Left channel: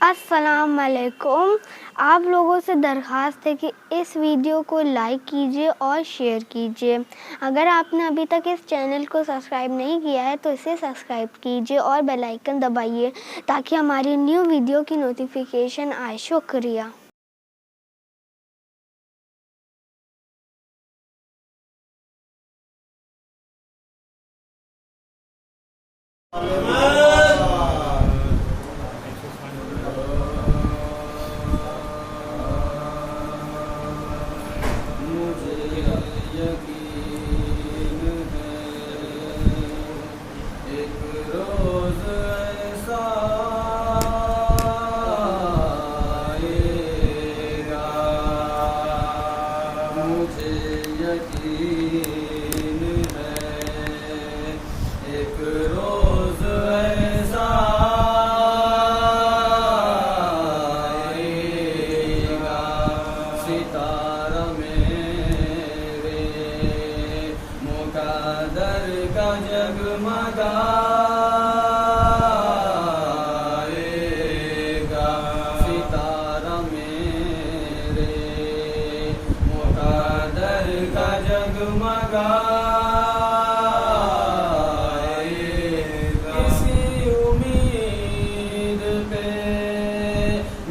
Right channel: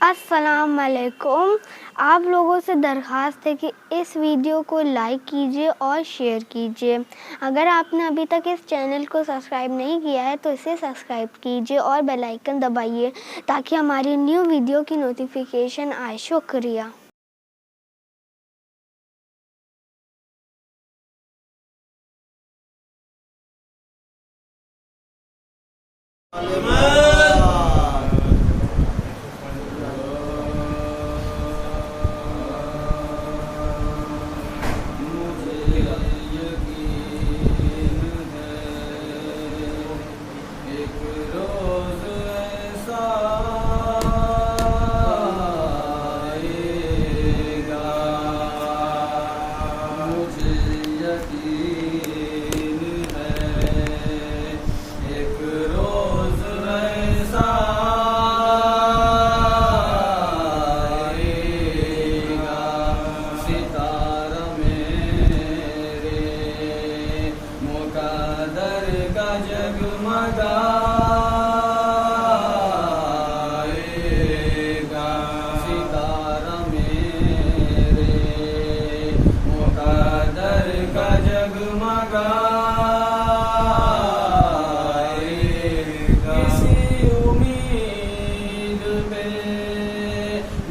السلام علیکم. آپ لوگوں سے درخواست ہے کہ اس ویڈیو کو لائک کیجیے اور شیئر کیجیے. اگر آپ نے ابھی تک اس چینل کو سبسکرائب نہیں کیا ہے تو اسے سبسکرائب کیجیے اور بیل آئیکن دبائیے تاکہ ہماری نیو ویڈیو کی نوٹیفیکیشن آئے. شکریہ.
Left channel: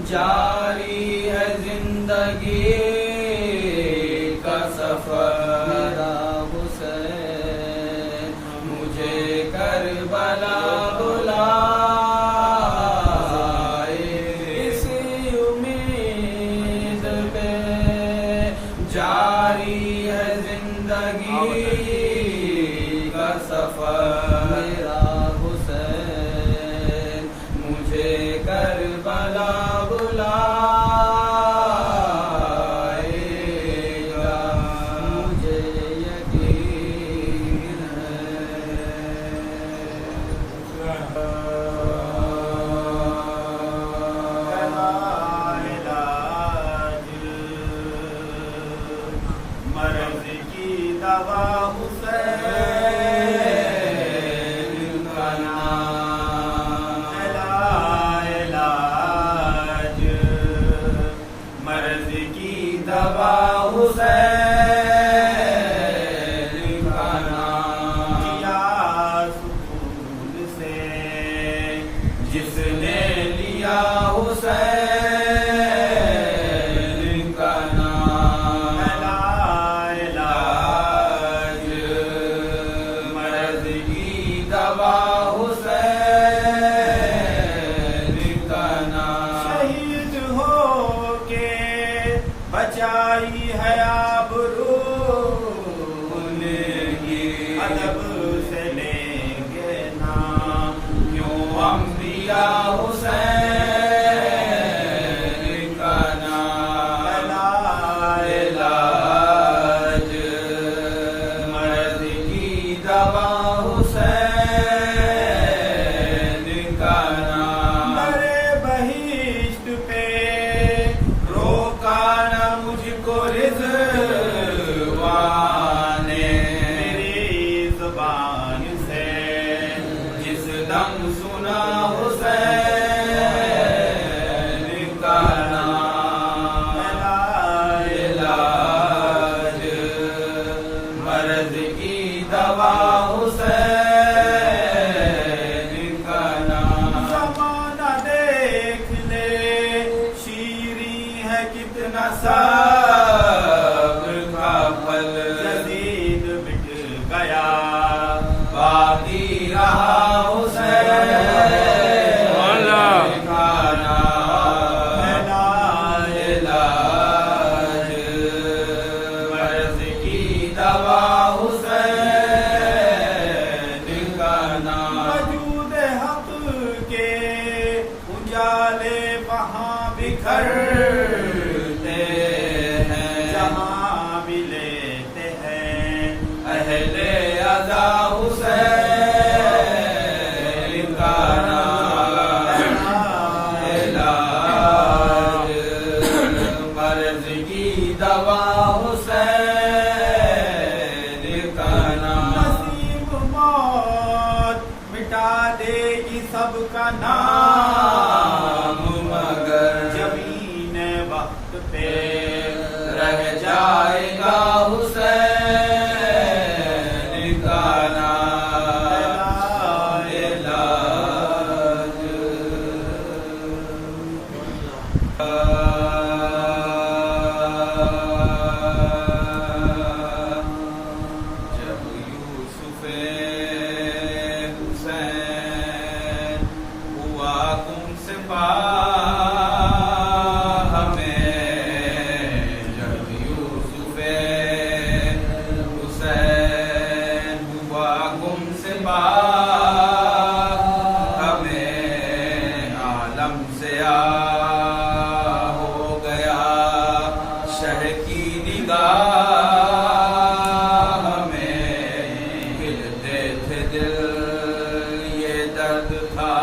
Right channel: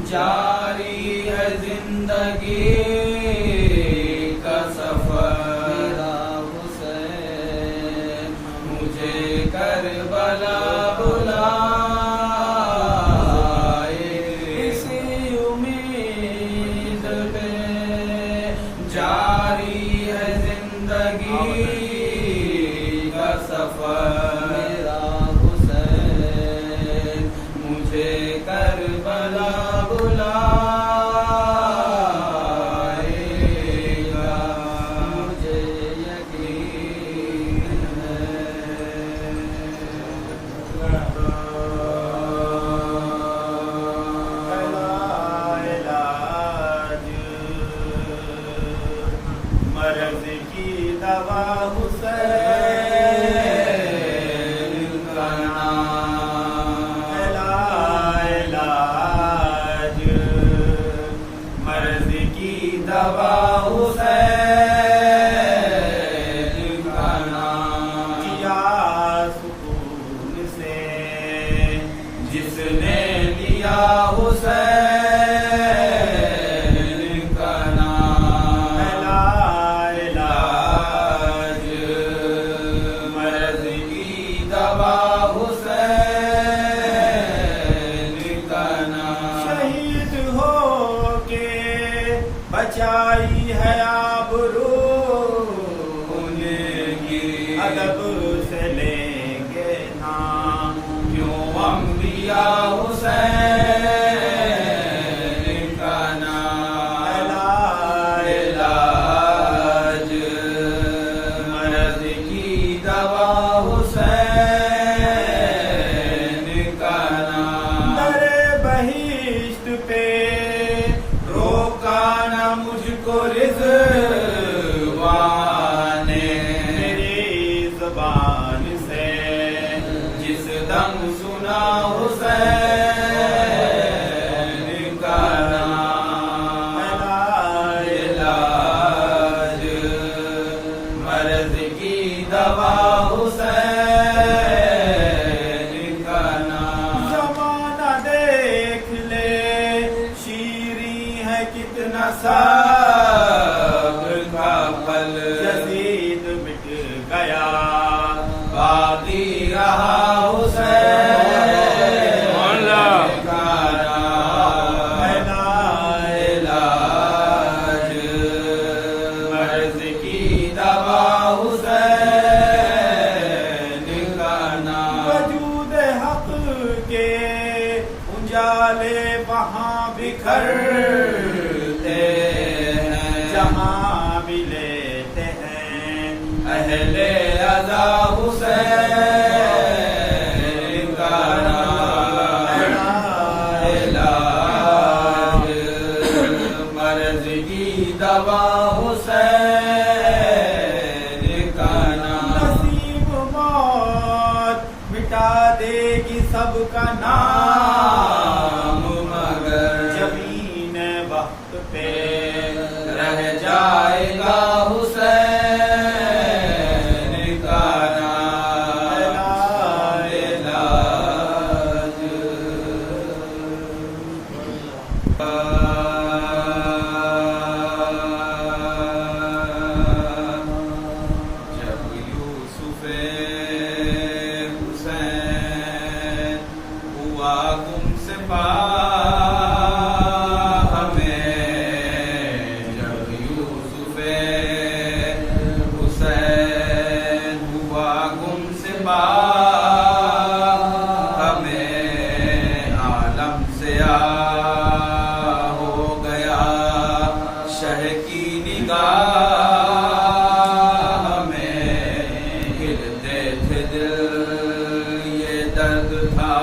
جاری ہے زندگی کا سفر، حسین مجھے کربلا بلائے. اسی امید پہ جاری ہے زندگی کا سفر، میرا حسین مجھے کربلا مرض کی دوا حسین کا نام، علاج مرض کی دوا حسین کا نام. کیا سکون سے جس نے لیا حسین کا نام، علاج مرض کی دوا حسین کا نام. شہید ہو کے بچائی ہے آبرو، ان کی ادب سے لیں گے نام. کیوں انبیاء حسین کا نام، علاج مرض کی دوا حسین کا نام. درے بہشت پہ روکا نہ مجھ کو رضوان نے، میری زبان سے جس دم سنا حسین کا نام، علاج مرض کی دوا حسین کا نام. زمانہ دیکھ لے شیریں ہے کتنا صبر کا پھل، یزید مٹ گیا باقی رہا حسین کا نام، علاج مرض کی دوا حسین کا نام. وجود حق کے اجالے وہاں بکھرتے ہیں، جہاں بھی لیتے ہیں اہل عزا حسین کا نام، علاج مرض کی دوا حسین کا نام. نصیب موت مٹا دے گی سب کا نام، صفا ہمیں جب یوسف حسین ہوا گم سپا ہمیں عالم سے ہو گیا شہ کی نگاہ ہمیں گرتے تھے دل یہ درد تھا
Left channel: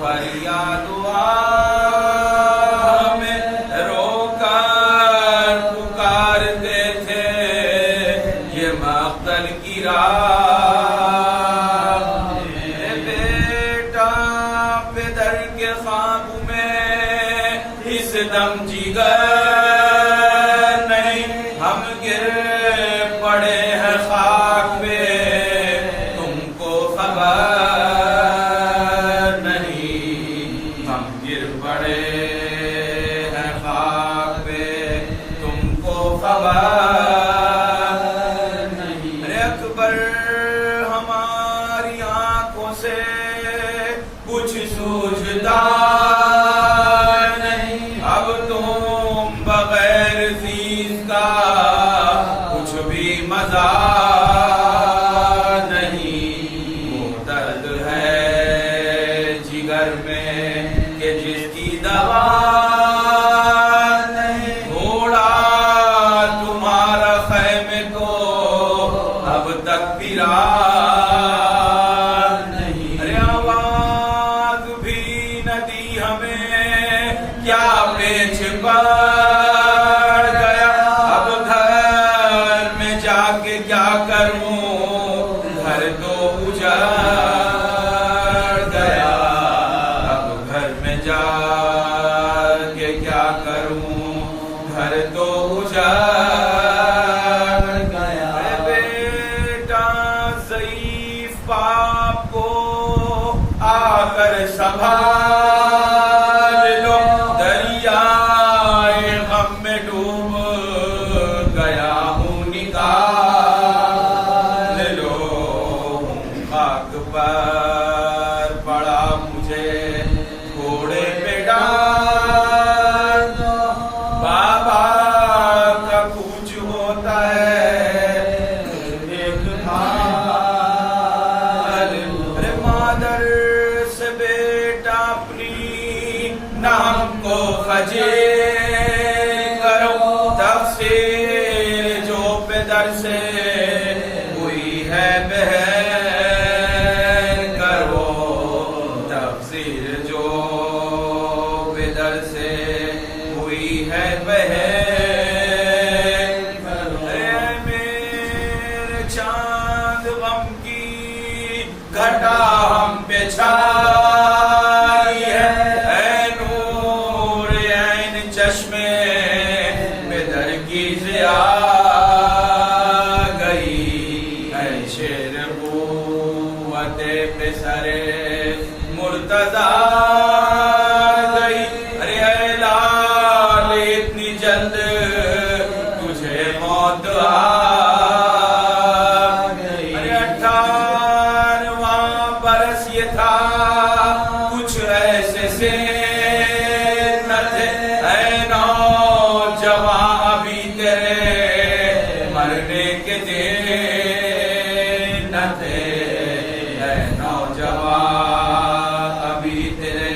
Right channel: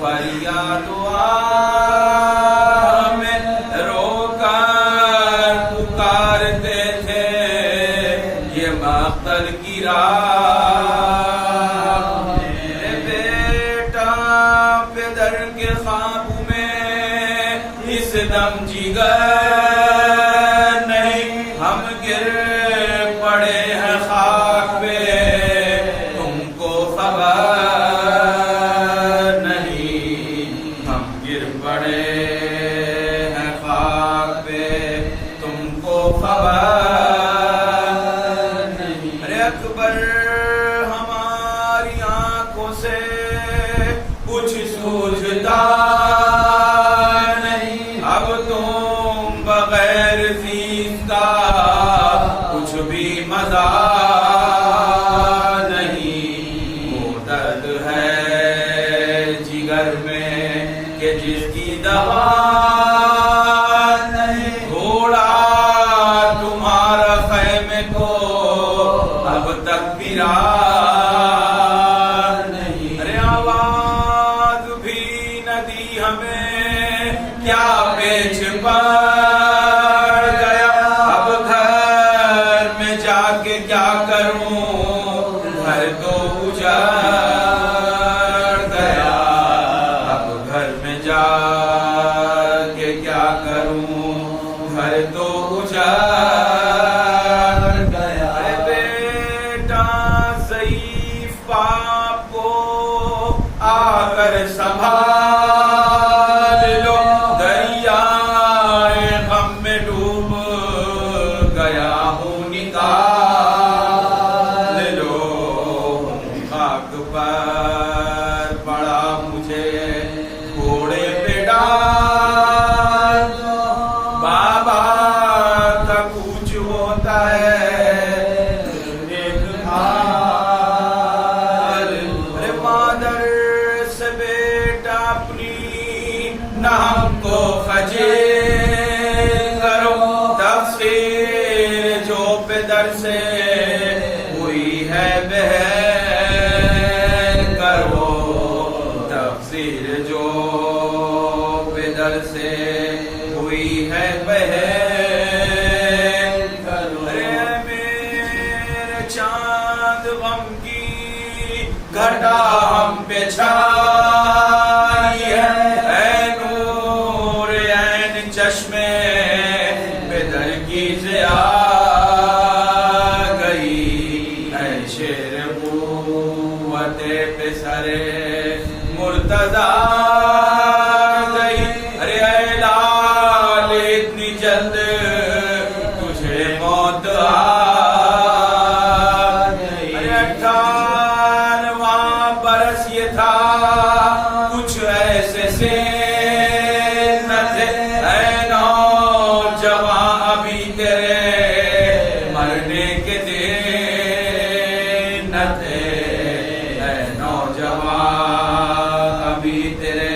فریاد ہمیں رو کر پکارتے تھے یہ مقتل کی راہ میرے بیٹا پدر کے خواب میں اس دم جگر نہیں ہم گر پڑے ہیں خاک پہ تم کو خبر پڑے ہیں خاک پہ تم کو خبر نہیں ارے اکبر ہماری آنکھوں سے کچھ سوجھتا نہیں اب تم بغیر زیز کا کچھ بھی مزہ نہیں وہ درد ہے جگر میں کہ جس کی دوا نہیں گھوڑا تمہارا خیمے کو اب تک پھرا نہیں ارے آواز بھی نہ دی ہمیں کیا پیچھ پڑ گیا اب گھر میں جا کے کیا کروں گھر تو اجڑ گیا جا کے کیا کروں گھر تو اجڑ گیا اے بیٹا ضعیف باپ کو آ کر سنبھال لو دریائے غم میں ڈوب گیا ہوں نکال لو خاک پر پڑا مجھے گھوڑے پہ ڈال بابا کا کوچ ہوتا ہے ایک حال ارے مادر سے بیٹا اپنی نام کو خجل کرو تفسیر جو پدر سے ہوئی ہے بہر کرو تفسیر جو پدر سے ہوئی ہے بہر ارے میرے چاند غم کی گھٹا ہم پہ چھائی ہے اے نور عین چشمے پدر کی ضیا گئی اے شیر قوت پہ سرے مرتضی گئی ارے اے لال اتنی جلد تجھے موت آ گئی ارے 18واں برس یہ تھا کچھ ایسے سے نہ تھے اے نوجواں ابھی تیرے مرنے کے دن نہ تھے اے نوجواں ابھی تیرے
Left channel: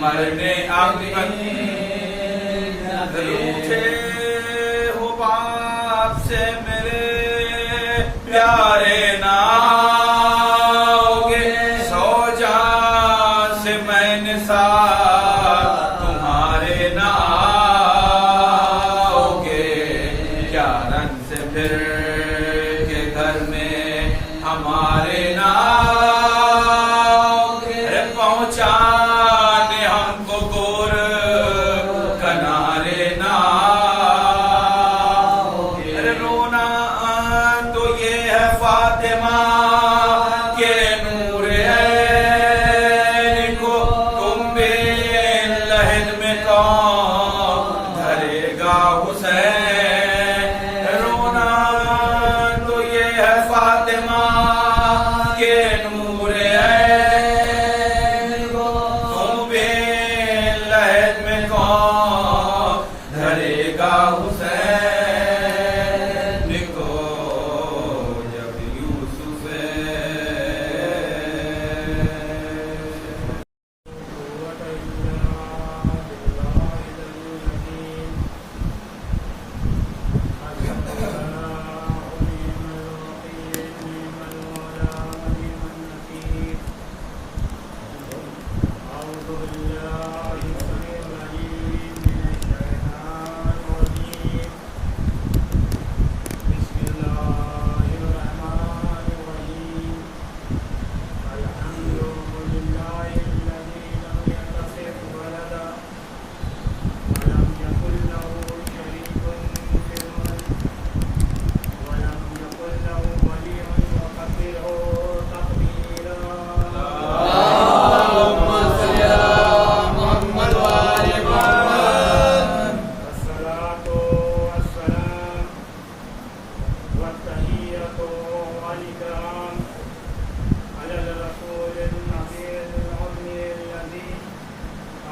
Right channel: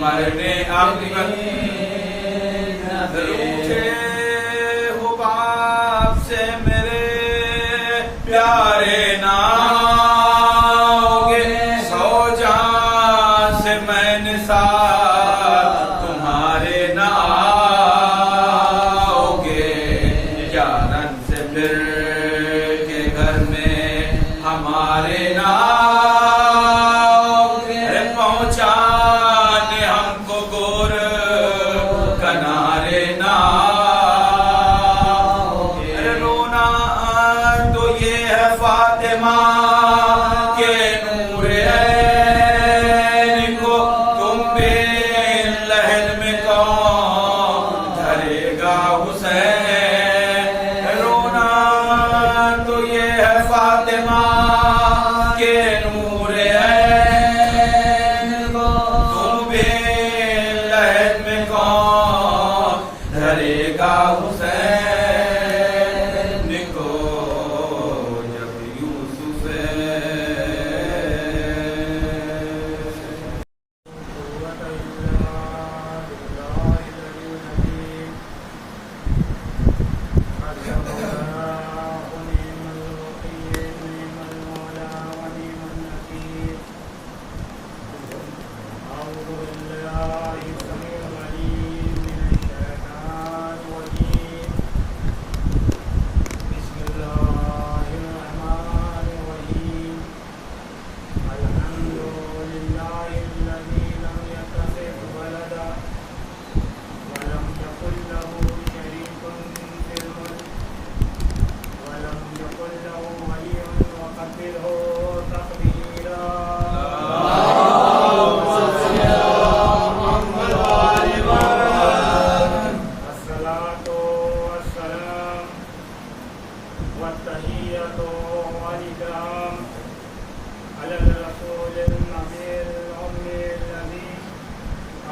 مرنے آخری روٹھے ہو باپ سے میرے پیارے ناؤگے سو جان سے میں نثار تمہارے ناؤگے کیا رن سے پھر کے گھر میں ہمارے ناؤگے پہنچانے ہم کو گور کنارے ارے رونا تو یہ ہے فاطمہ کے نور عین کو تم بے لہد میں کون دھرے گا حسین رونا تو یہ ہے فاطمہ کے نور عین کو تم بے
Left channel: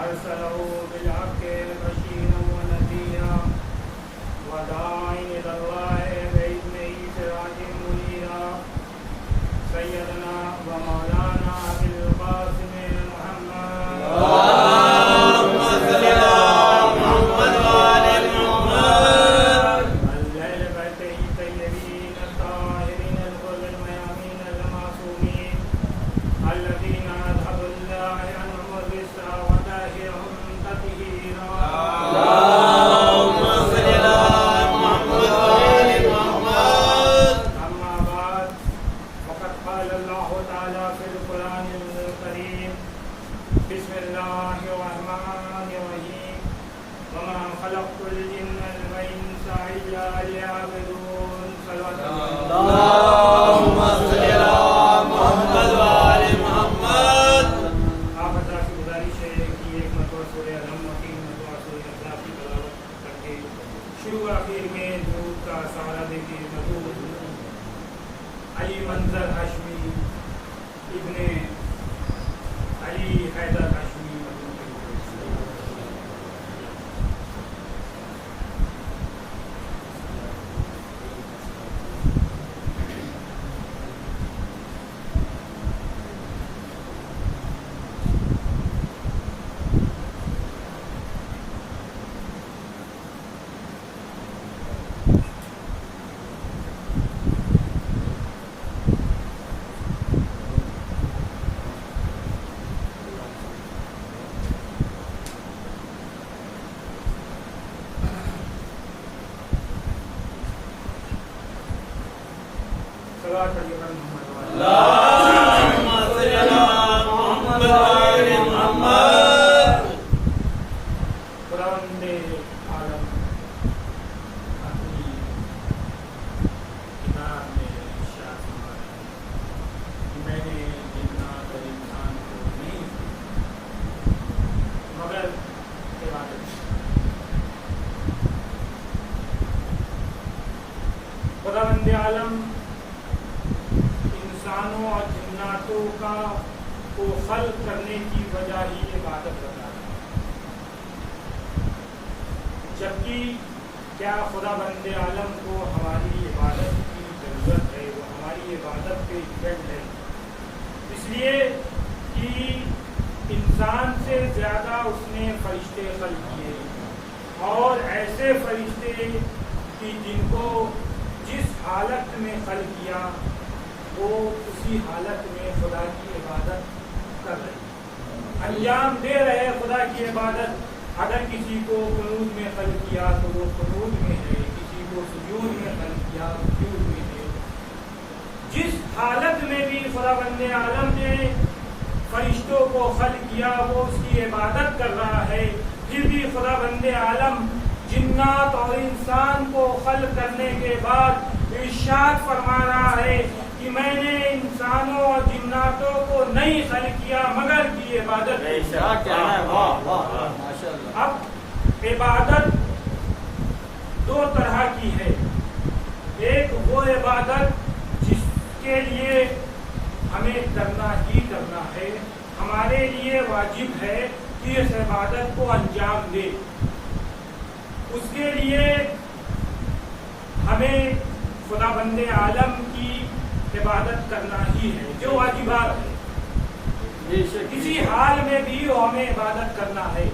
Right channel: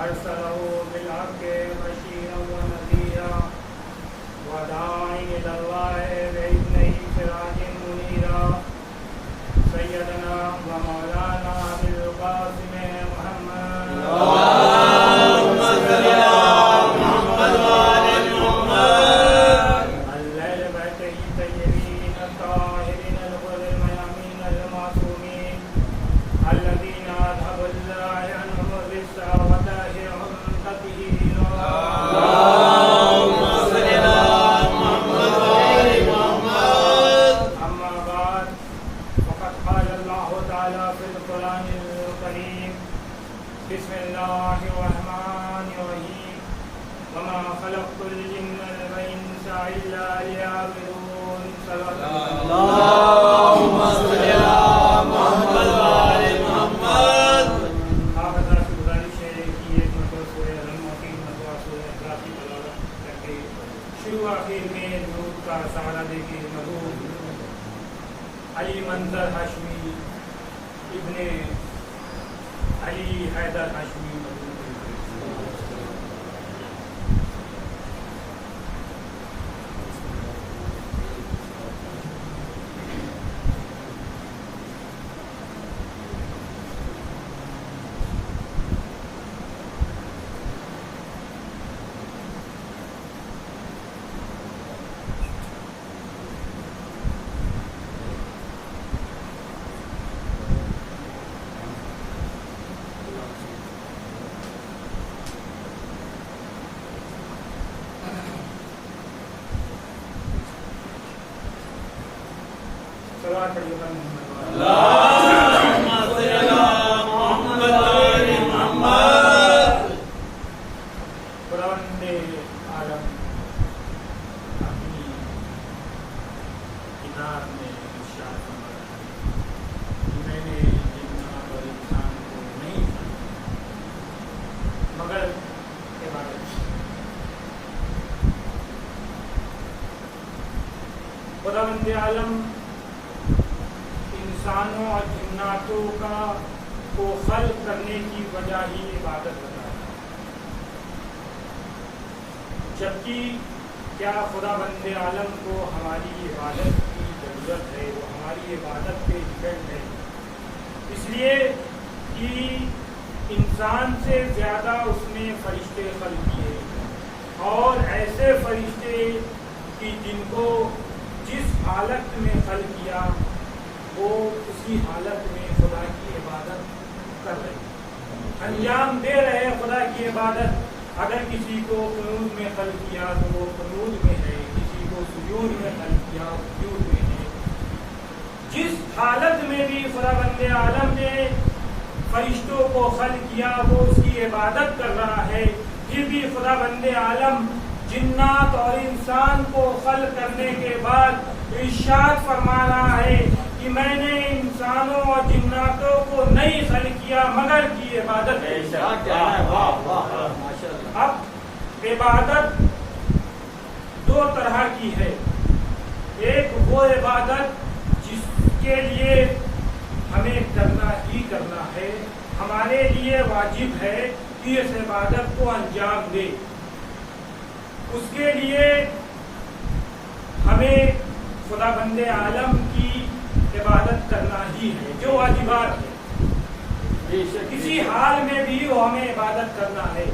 أرسله بالحق بشيرا ونذيرا وداعيا إلى الله بإذنه سراجا منيرا سيدنا ومولانا أبي القاسم محمد اللهم صل على محمد وعلى آل محمد الليل بيته الطيبين الطاهرين الغر الميامين المعصومين الذين أذهب الله عنهم الرجس وطهرهم تطهيرا اللهم صل على محمد وعلى آل محمد أما بعد فقد قال الله تعالى في القرآن الكريم بسم الله الرحمن الرحيم وما خلقت الجن والإنس إلا ليعبدون صلوات اللهم صل على محمد وعلى آل محمد آپ حضرات کی گزارش ہے کہ ایک مرتبہ سورہ الحمد کی مرتبہ سورہ اخلاص کی تلاوت کر کے شروع آخر میں درود کا سہارا دے کے مقبول علی منظر ہاشمی ابن علی حیدر ہاشمی صلوات پڑھیے پر محمد اللهم صل على محمد وعلى آل محمد خداوند عالم اپنی کتاب میں ارشاد فرماتا ہے کہ میں نے جنات اور انسان کو نہیں مگر عبادت خداوند عالم انسانوں اور جناتوں کو خلق کرنے کی وجہ ہی عبادت بتاتا ہے جبکہ کیا خدا بند عالم کو ہماری عبادت کی ضرورت ہے وہ ہماری عبادت پہ ڈپینڈ ہے اس لیے کہ انسان سے زیادہ اس نے فرشتے خلق کیے اور ایسے فرشتے کہ جن کو جس حالت میں خلق کیا وہ اسی حالت میں خدا کی عبادت کر رہے انجام دے رہے خدا کی عبادت اگر کسی کو قنوت میں خلق کیا تو وہ قنوت میں ہے کسی کو سجود میں خلق کیا سجود میں ہے جس حالت میں بھی خدا بند عالم نے فرشتوں کو خلق کیا وہ اس کی عبادت کر رہا ہے پھر بھی خدا بند عالم جنات اور انسان کو خلق کرنے کے بعد ارشاد فرما رہا ہے کہ میں نے انسانوں اور جناتوں کو نہیں خلق کیا مگر کی عبادت ہے اب عبادت دو طرح کی ہے ایک وہ عبادت جس کے لیے ہمیں کرنا ہی کرنا ہے ہمارے لیے واجب ہے کہ اس عبادت کو انجام دے اس کے لیے ہمیں خدا بند عالم کی عبادت کرنا ہی ہے جو واجبات ہے کسی حال میں بھی وہ ہمیں عبادت کرنا ہے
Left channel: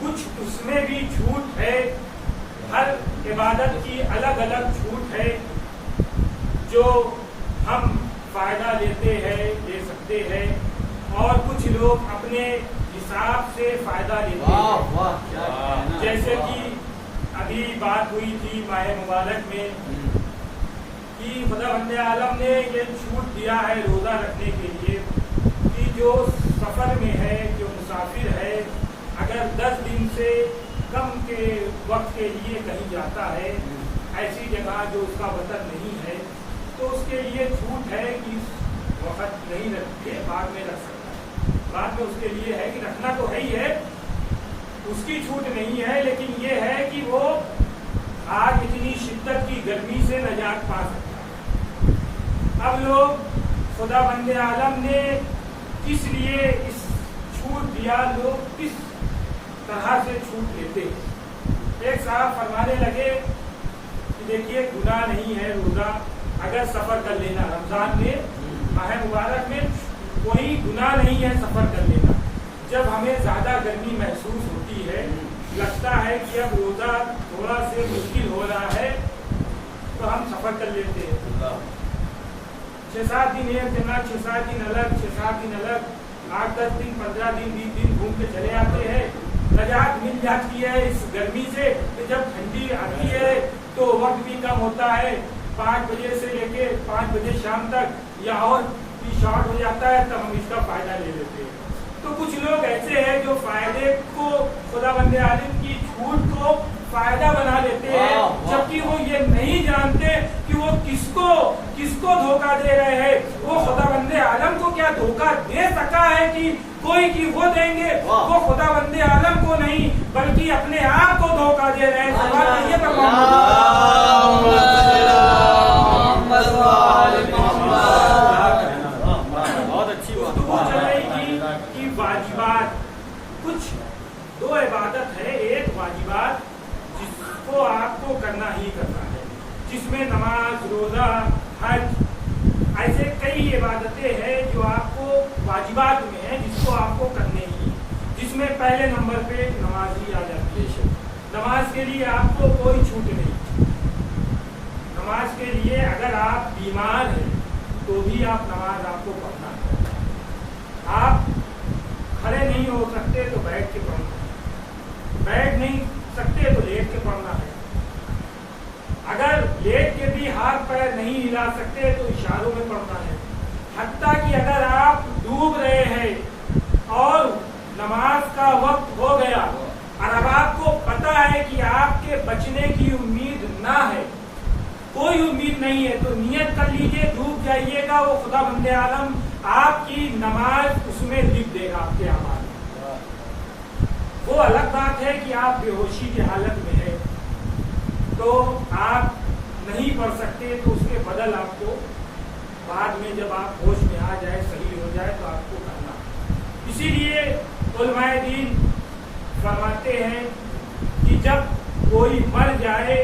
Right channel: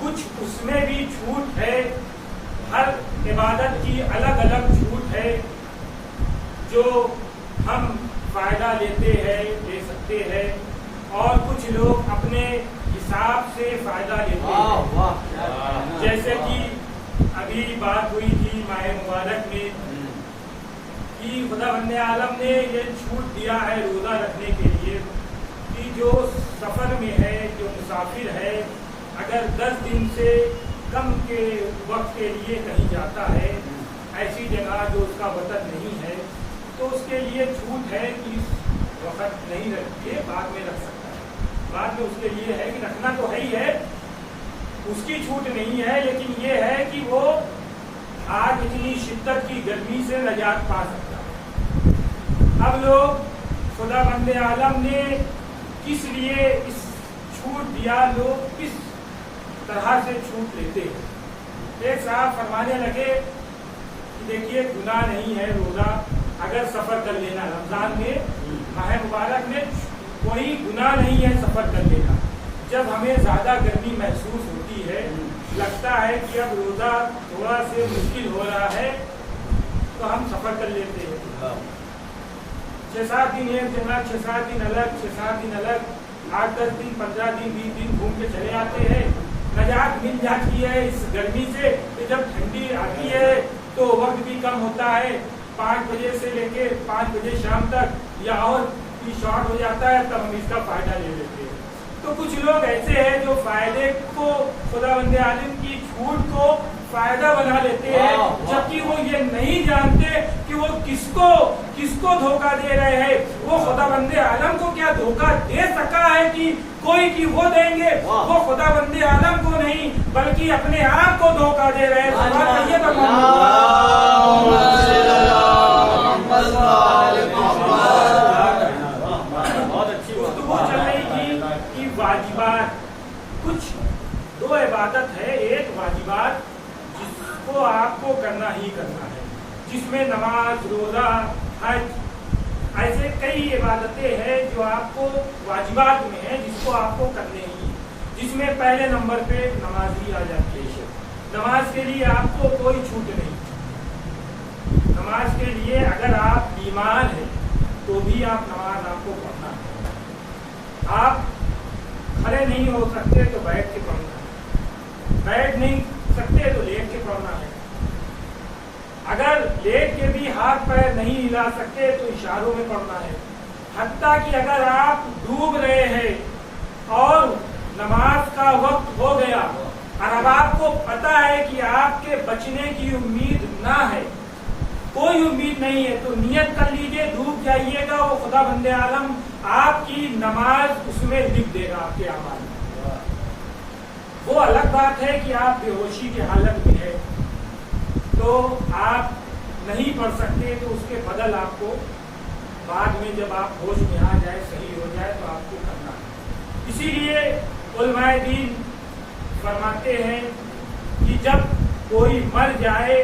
کچھ اس میں بھی چھوٹ ہے ہر عبادت کی الگ الگ چھوٹ ہے جو ہم فائدہ لیتے ہیں لے سکتے ہیں اور کچھ لوگ اپنے حساب سے فائدہ لیتے ہیں جیسے کہ ابھی بات ہوئی تھی ماہ مبارک میں کہ خدا بند عالم نے یہ چھوٹ دیا ہے روزہ رکھنے کے لیے کہ جو سفر میں ہے جو مسافر ہے اگر 10 دن سے کم کے وقت کے لیے کہیں جاتا ہے ایسی جگہ جو اس کا وطن نہیں ہے تو اس کے لیے چھوٹ ہے کہ اس وقت نہیں رکھتے بعد میں رکھ سکتا ہے بعد میں اس کے لیے ہے کہ رکھنا تو ہے ہی ہے اس کی چھوٹ نہیں ہے لیکن یہ ہے کہ وہ آج اتنی شدت کی گرمی سے نجات پا سکتا ہے اب لوگ خدا بند عالم نے کس لیے اس چھوٹ دیا لوگ کس तरह से छूट लेते हैं। एक साहब फरमाने लगे कि देखिए गुनाह नहीं है रोजा अगर सफर कर लेना, रमजान में माह मुबारक में कोई गुनाह नहीं है सफर कर लेना। जब हमें ज्यादा गर्मी महसूस होती है, लगता है कि अब रोजा थोड़ा से मुश्किल हो रहा है, तो हम सफर कर लेते हैं। 6-7 दिन एक जगह, 6-7 दिन अलग, 6-7 दिन अलग, 8-10 दिन, 15 दिन, 20 दिन घूम के चले आते हैं। निजात मिल जाती है इस गर्मी से कि जब ठंडी आती है तो वक्त भी कम होता है, 5 बजे से लेके 5 बजे शाम तक या और भी शॉर्ट हो जाता है, तब हम इसका फायदा ले लेते हैं। तो कुछ लोग ऐसे हैं जो फायदे को, खुदावंद आलम की छूट को फायदा बना लेते हैं, जबकि वो ये नहीं जानते कि वो किसको धोखा दे रहे हैं। वो खुदावंद आलम को क्या धोखा दे सका है कि कोई की वो देंगे, वो खुदावंद आलम को नहीं बल्कि अपने आप को धोखा दे रहे हैं। बहुत अच्छी गुफ्तगू चल रही थी कि वाजिबात, कुछ 2 इबादत है। एक वाजिबात जिसको आपको करना ही करना है, जिसमें नमाज, रोजा, हज, ऐसे कई इबादतें हैं जो आपको वाजिबात में है, जिसको आपको करने ही, जिसमें पहले नंबर पे नमाज ही आ जाती है। नमाज के लिए आपको कोई छूट नहीं। नमाज के लिए अगर आप बीमार हैं तो भी आप नमाज आपको पढ़ना है। आप खड़े नहीं हो सकते तो बैठ के पढ़ना है, बैठ नहीं सकते तो लेट के पढ़ना है। अगर लेट के भी हाथ पैर नहीं हिला सकते तो इशारों में पढ़ना है। हत्ता कि अगर आप डूब रहे हैं और नमाज का वक्त हो गया और अब आपको पता है कि आपके बचने की उम्मीद ना है, कोई उम्मीद नहीं है, तो नियत कर लीजिए, डूब जाइएगा, वो खुदावंद आलम आपकी नमाज उसमें लिख देगा आपके अमाल में। वो अलग बात है कि आप बेहोशी की हालत में है तो आप नहीं पढ़ सकते, तो उसके बदल आपको बाद में जब आप होश में आ जाए, सही हो जाए, तो आपको करना है। इसीलिए उलमाए दीन फरमाते हैं कि जब कोई मर जाए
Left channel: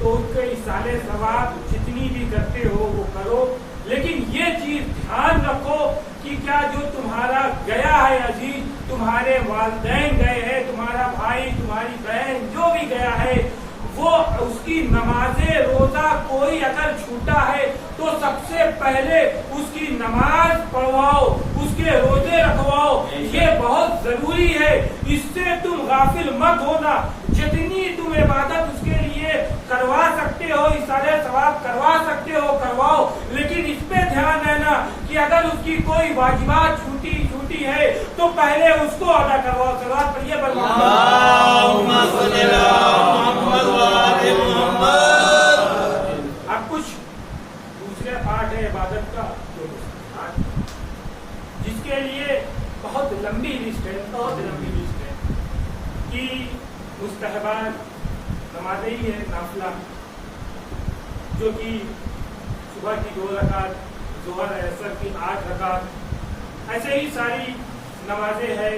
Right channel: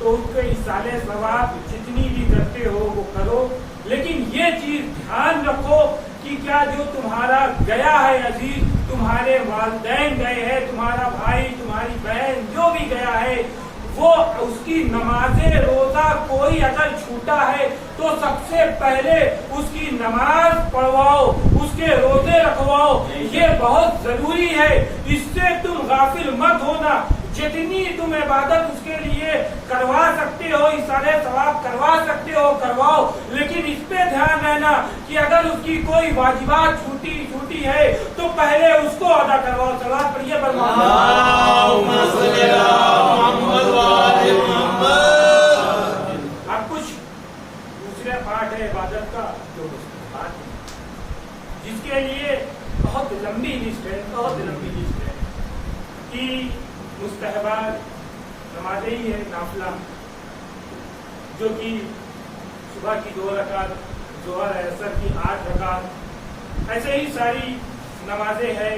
तो उसके इसाले सवाब जितनी भी करते हो वो करो, लेकिन ये चीज ध्यान रखो कि क्या जो तुम्हारा गया है अजीज, तुम्हारे वालिदैन गए हैं, तुम्हारा भाई, तुम्हारी बहन, जो भी गया है, वो उसकी नमाजे रोजा कोई अगर छूटा है तो सबसे पहले उसकी नमाज पढ़वाओ, उसके रोजे रखवाओ, ये बहुत जरूरी है। इससे तुम गाफिल मत होना। जितनी तुम इबादत उसके लिए करवा सकते हो, इशारे सवाब करवा सकते हो, करवाओ, लेकिन इस पे ध्यान रहना कि अगर उसकी कोई वाजिबात छूटी है तो पहले उसको अदा करवाओ। सलात पढ़िए अब कुछ दूसरे पार्ट है इबादत का, जो जिसके लिए बहुत लंबी लिस्ट है, बहुत लंबी लिस्ट है कि मुस्तहबात नमाजें ही है, नाफिला, जो कि सुबह की 2 रकात, जोहर असर की 8 रकात, ऐसे ही सारी नमाजें हैं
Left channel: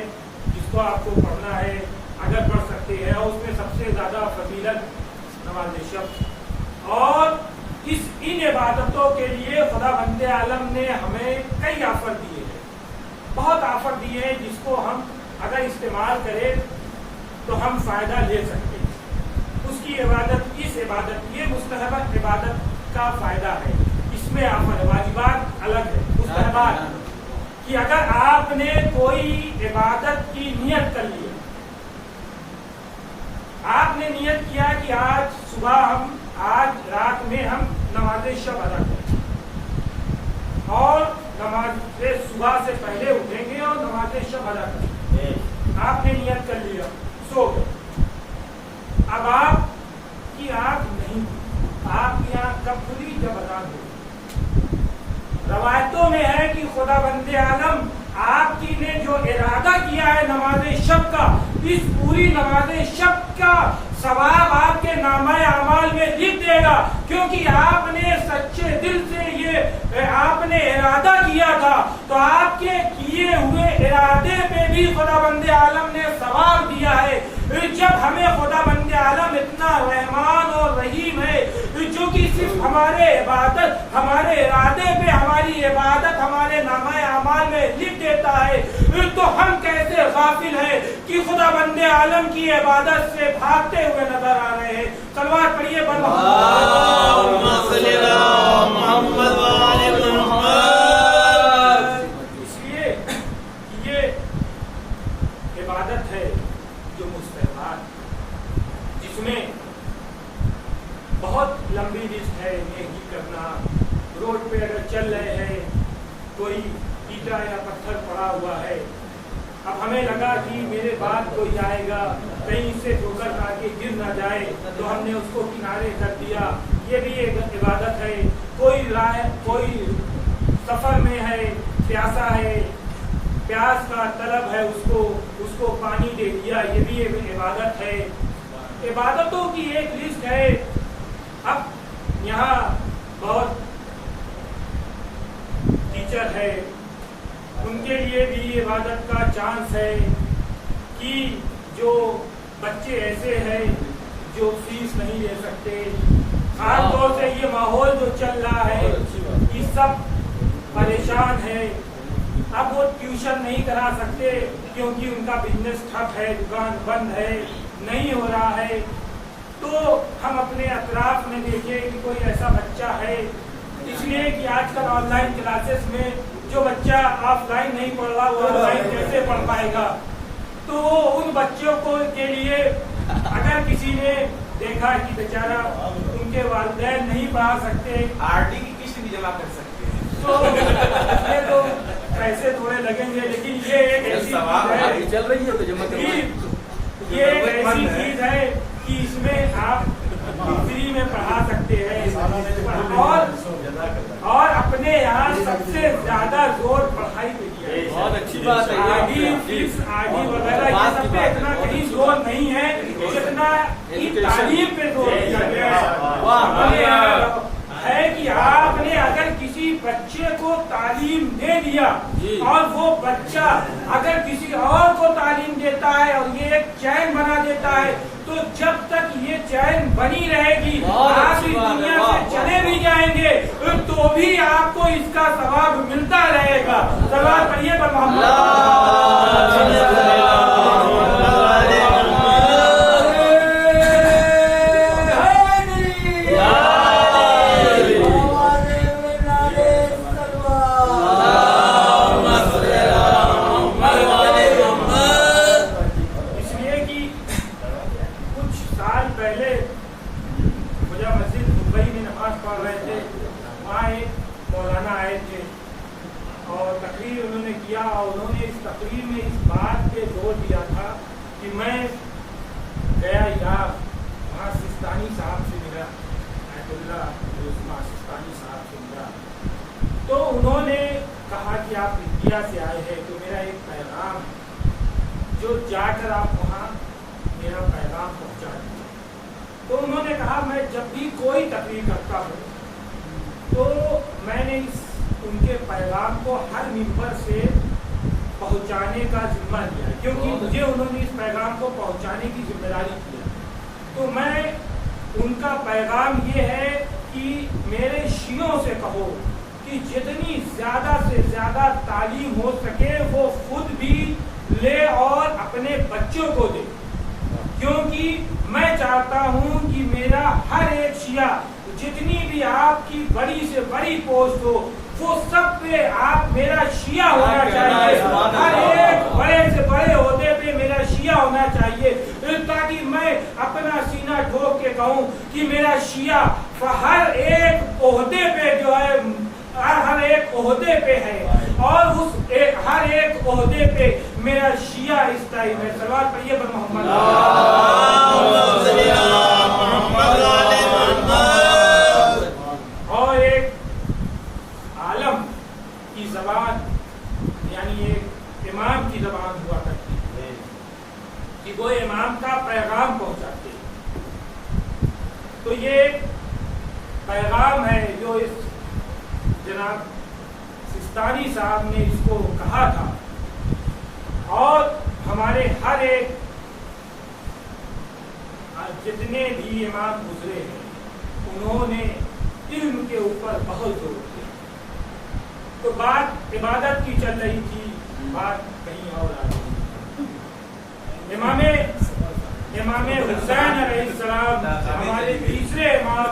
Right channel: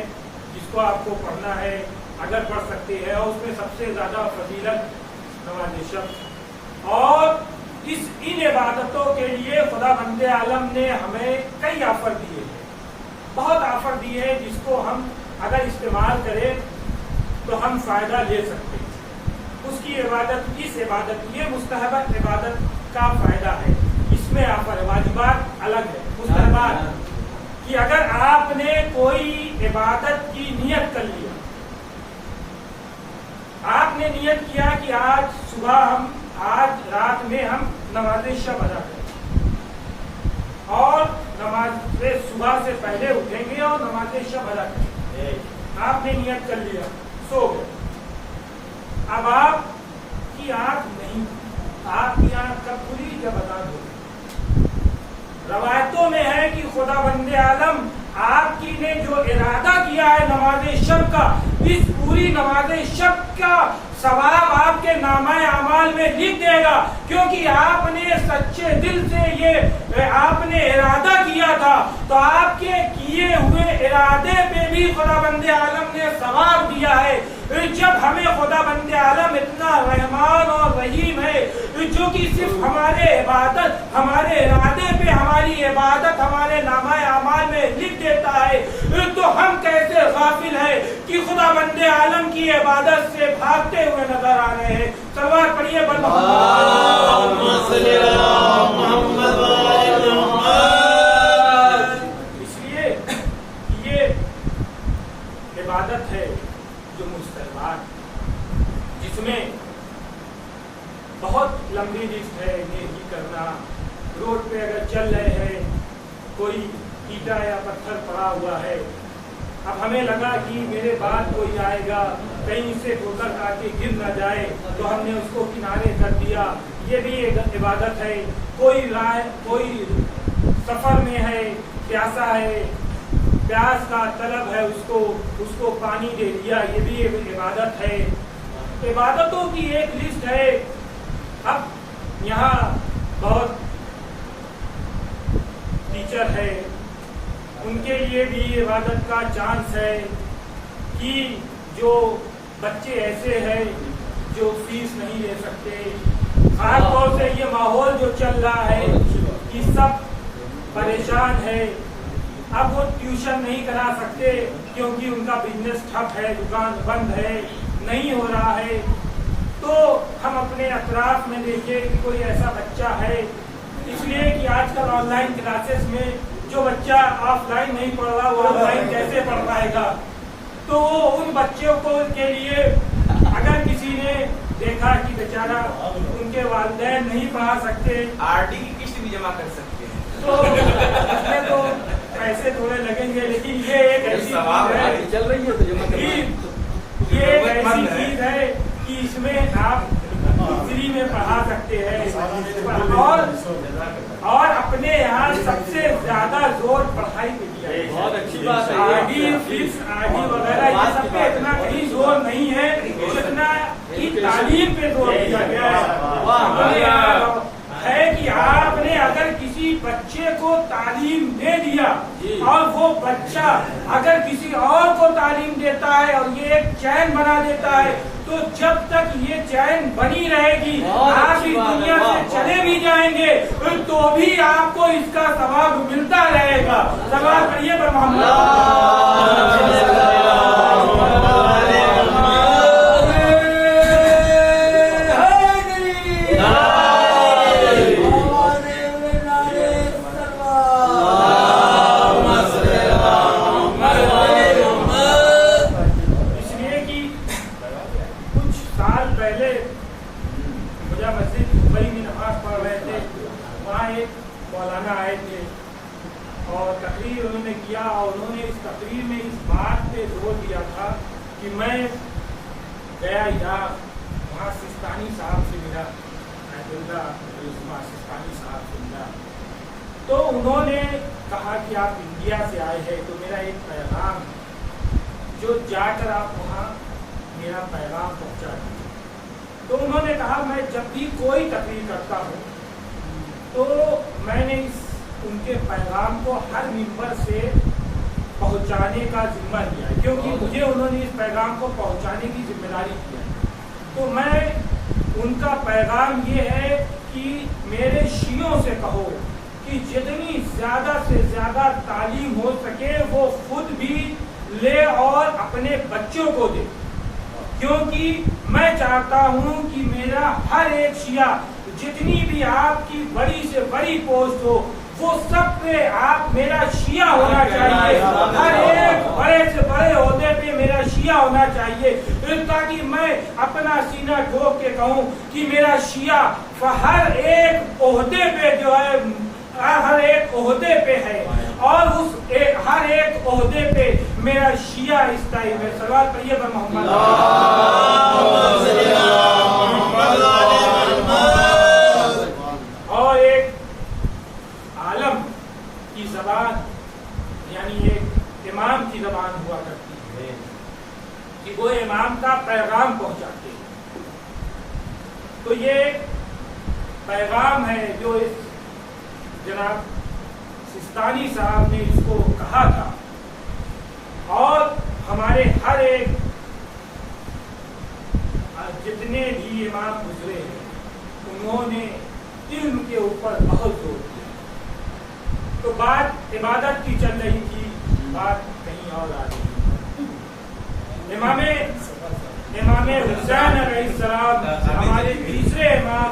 जिसको आपको पढ़ना है, अगर पढ़ सकते हैं। और उसमें सबसे ज्यादा फजीलत नमाज शब। और इन इबादतों के लिए खुदावंद आलम ने हमें कई ऑफर दिए हैं, बहुत ऑफर दिए हैं, जिसको हम अगर इस्तेमाल करें तो हम फायदा ले सकते हैं। उसकी इबादत, इस इबादत, ये मुस्तहब इबादत का फायदा है, इसमें ऑफर। वाजिबात अलग है, मुस्तहबात कि अगर आपने कोई इबादत की नियत कर लिया, आपने नियत किया कि आज सुबह आज रात में हम नमाज शब अदा करेंगे और नमाज सुबह से पहले उठेंगे और नमाज शब अदा करेंगे, आपने नियत कर लिया, सो गए। अब आपकी आंख नहीं, आपकी आंख कब खुली? जब अजान हो। रवायतों में है कि खुदावंद आलम आपकी ने जो इरादा किया है नमाज शब का, इस पूरी नमाज शब का सवाब आपके नामाए अमाल में लिख देगा, क्योंकि आपने सच्चे दिल से ये आपने इरादा किया था। तो आपके किए हुए इरादे पे भी खुदावंद आलम ने सवाब दिया है। जब हमें खुदा बंदे आलम इतना रहमान और रहीम है जो कि सिर्फ हमारे इबादत, हमारे इरादे पे हमारी इबादत हमारे नामा अमाल में लिख देता है, तो हम कैसे गाफिल है कि खुदा बंदे आलम की इबादत से भागते हुए नजर आ रहे हैं। सलवार पढ़िए इसलिए ये इबादत है जो मुस्तहबात, जिसमें बहुत लंबी लिस्ट है। नेकी करना, रोड पे अगर चल रहे हैं, कोई ईटा या पत्थर पड़ा हुआ है, अब हमें लगा कि मेरे बाद कोई आएगा, कहीं से ठोकर खा के गिर ना जाए, तो हमने उसको किनारे कर दिया, ये भी एक इबादत है। कोई सफर में है, प्यासा है, प्यास का तलब है, उसको पानी दे दिया, ये भी एक इबादत है। इबादतों की एक लिस्ट है। अब यहाँ बहुत टीचर है, उनके लिए भी इबादत का चांस है कि जो बच्चे ऐसे हैं जो फीस नहीं दे सकते, खास तौर से ये माहौल जो चल रहा है कि सब परेशान है, अब वो ट्यूशन नहीं करा सकते क्योंकि उनका बिजनेस ठप है, दुकान बंद है, नहीं हो रहा है, तो हम अपने अतराफ में देखें कि कोई ऐसा बच्चा है, इसलिए कि आजकल ऑनलाइन क्लासेस में जो बच्चा ऑफलाइन नहीं पढ़ रहा वो ऑनलाइन कैसे पढ़ पाएगा। तो उन बच्चों को के लिए अगर किसी ने देखा कि बेचारा उनके वालिदैन नहीं पढ़ा सकते, आरडी की किस्त भी जमा कर सकते हैं, तो इसमें तो पैसे थोड़े लगेंगे, लेकिन ये एक ऐसी चीज है चल रही है तो जमा ये एक ऐसी चीज है कि इसमें आप फ्री में पढ़ा सकते हैं। और अपने यहाँ सबसे ज्यादा जोर पढ़ाई पे दिया है। बहुत अच्छी बात है। आरडी, फीस, आरडी वगैरह ये सब पे इतना कहीं जोर नहीं है जितना कि तालीम पे जोर दिया गया है। हमारे यहाँ है कि आपने अगर किसी बच्चे को तालीम दे दिया और वो बच्चा अगर किसी और को तालीम देता है और ये एक चैन बना देता है, तो जब तक ये चैन बनी रहेगी, आप इस दुनिया से चले भी जाएंगे तो भी आपको इसका सवाब मिलता रहेगा। सवाल पढ़िए पर मौलाना आए थे और तकरीर उन्होंने किया, और उन्होंने इस तकरीर में इस बात पे जोर दिया था कि मैं गया इराक, वहाँ सिस्तानी साहब से मिला, सिस्तानी साहब से मिला, तो उन्होंने कहा कि आप इंडिया से आए हैं तो मेरा एक पैगाम जो जाकर आप वहाँ मेरा पैगाम पहुँचा दीजिए। तो उन्होंने कहा मैं जब भी कोई तकरीर करता हूँ तो मैंने उनके पैगाम को हर मिंबर से पहुंचाने का जिम्मा लिया है, क्योंकि मुझे उन्होंने इस पैगाम को पहुंचाने की जिम्मेदारी की है। तो मैं उनका पैगाम ये है कि मेरे शियों से कहो कि जितनी ज्यादा से ज्यादा तालीम हो सके वो खुद भी ले और अपने बच्चों को दे, क्योंकि मैं चाहता हूं कि मेरा हर एक शिया, जितनी भी आपकी बड़ी से बड़ी पोस्ट हो, वो सब पे आप मेरा शिया होना चाहिए, हर एक बड़े से बड़े ओहदे पे मेरा शिया होना चाहिए, ताकि मैं अपना सीना ठोक के कहूँ कि मेरा शिया हर एक ओहदे पे जो है, हर एक ओहदे पे है, और उस हर एक ओहदे पे मेरा शिया इस टाइम है। सवाल पढ़िए पर मोहम्मद। और एक आलम की जबान, यानी एक इमाम की जबान हुआ करती है कि वो इमाम का पैगाम पहुंचाते हैं। तो ये पैगाम है जो इस जनाब सिस्तानी साहब ने इसको कहा था, और हमारे हर एक जितने भी इमाम गुजरे हैं उन्होंने इल्म के ऊपर बहुत जोर दिया। तो बात इबादत की चल रही थी, बात कहीं और आ रही। इमाम हुसैन अलैहिस्सलाम हमारे तीसरे इमाम,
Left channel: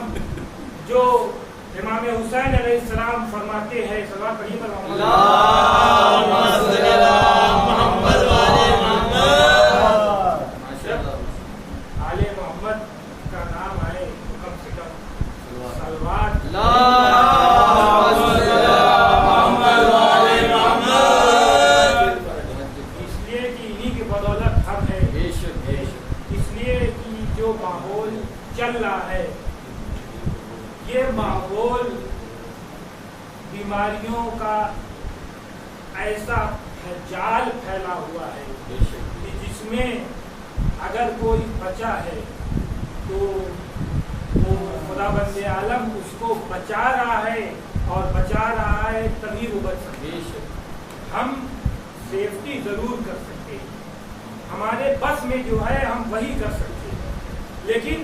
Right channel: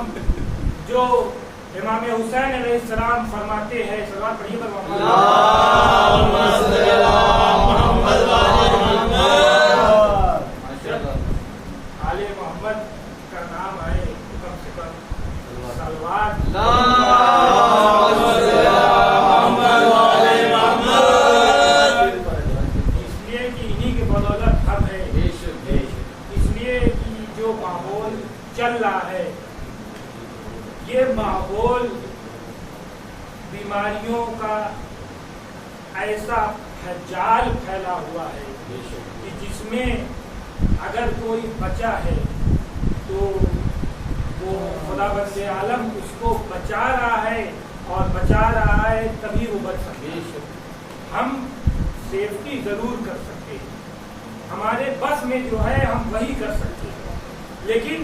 जो इमाम हुसैन अलैहिस्सलाम फरमाते हैं, सल्लल्लाहु अलैहि वसल्लम, जब आले मोहम्मद का नाम आए तो कम से कम सलवात इसलिए कि इन्हीं की बदौलत हम है, इसलिए कि जो माहौल चल रहा है ये माहौल बीमारियों का ऐसा जाल फैला हुआ है कि जिसमें अगर कोई बचा है तो वो खुदाबंद आलम उसको बचा रहा है, और बचा रहा है तभी वो बच सकते। हम सेफ्टी जरूर कर सकते हैं, हमारे बस में जो है हम वही कर सकते हैं, लेकिन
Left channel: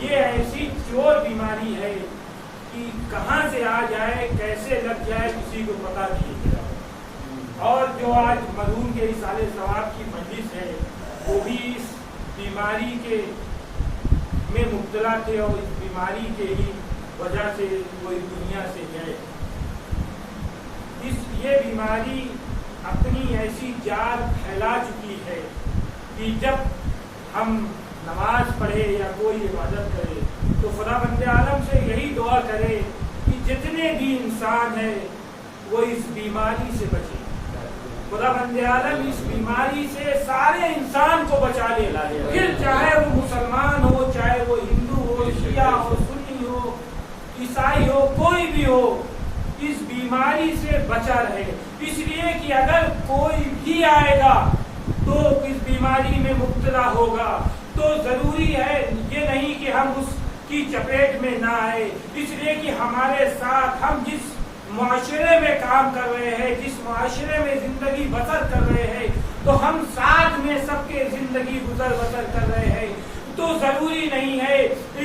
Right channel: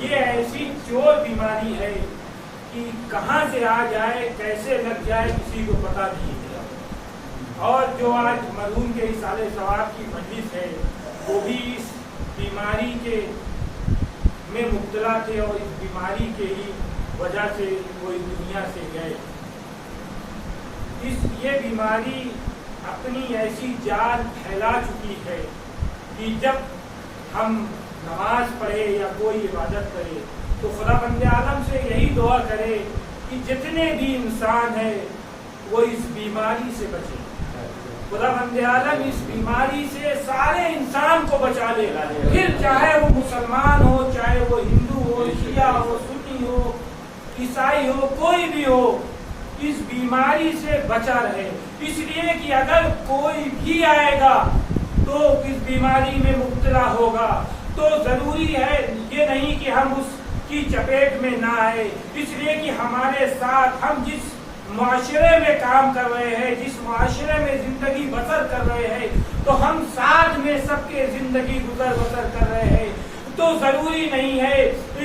ये ऐसी चोर बीमारी है कि कहाँ से आ जाए, कैसे लग जाए, किसी को पता नहीं है। और जो आज मरहूम के इसाले सवाब की मजलिस है वो भी इस बीमारी के में मुब्तला थे और इस बीमारी के ही वजह से वो इस दुनिया से गए। ये बीमारी अपनी ऐसी जाल फैला चुकी है कि जब हम नमाज पढ़े या कोई इबादत करे तो खुदाबंद आलम से यही दुआ करे कि जितने भी इंसान है वो इस बीमारी से बचे। खुदाबंद आलम इस बीमारी से सारे इंसान को बचा ले, फिर चाहे वो मुसलमान हो, चाहे वो हिंदू हो, शिया हो, सुन्नी हो, ईसाई हो, कोई भी हो, इस बीमारी से बचा रहे। इसलिए कि अगर कोई भी आएगा तो इस बीमारी में मुब्तला होगा, तो जरूरी है ये नहीं कि हम उसकी चपेट में ना आए। इसलिए कि हमारे साथ हम जिस मुआशरे में काम कर रहे हैं, जिस मुआशरे में जिंदगी बसर कर रहे हैं, तो हम साथ में सबके जिंदगी गुजर बसर कर रहे हैं। तो जरूरी नहीं है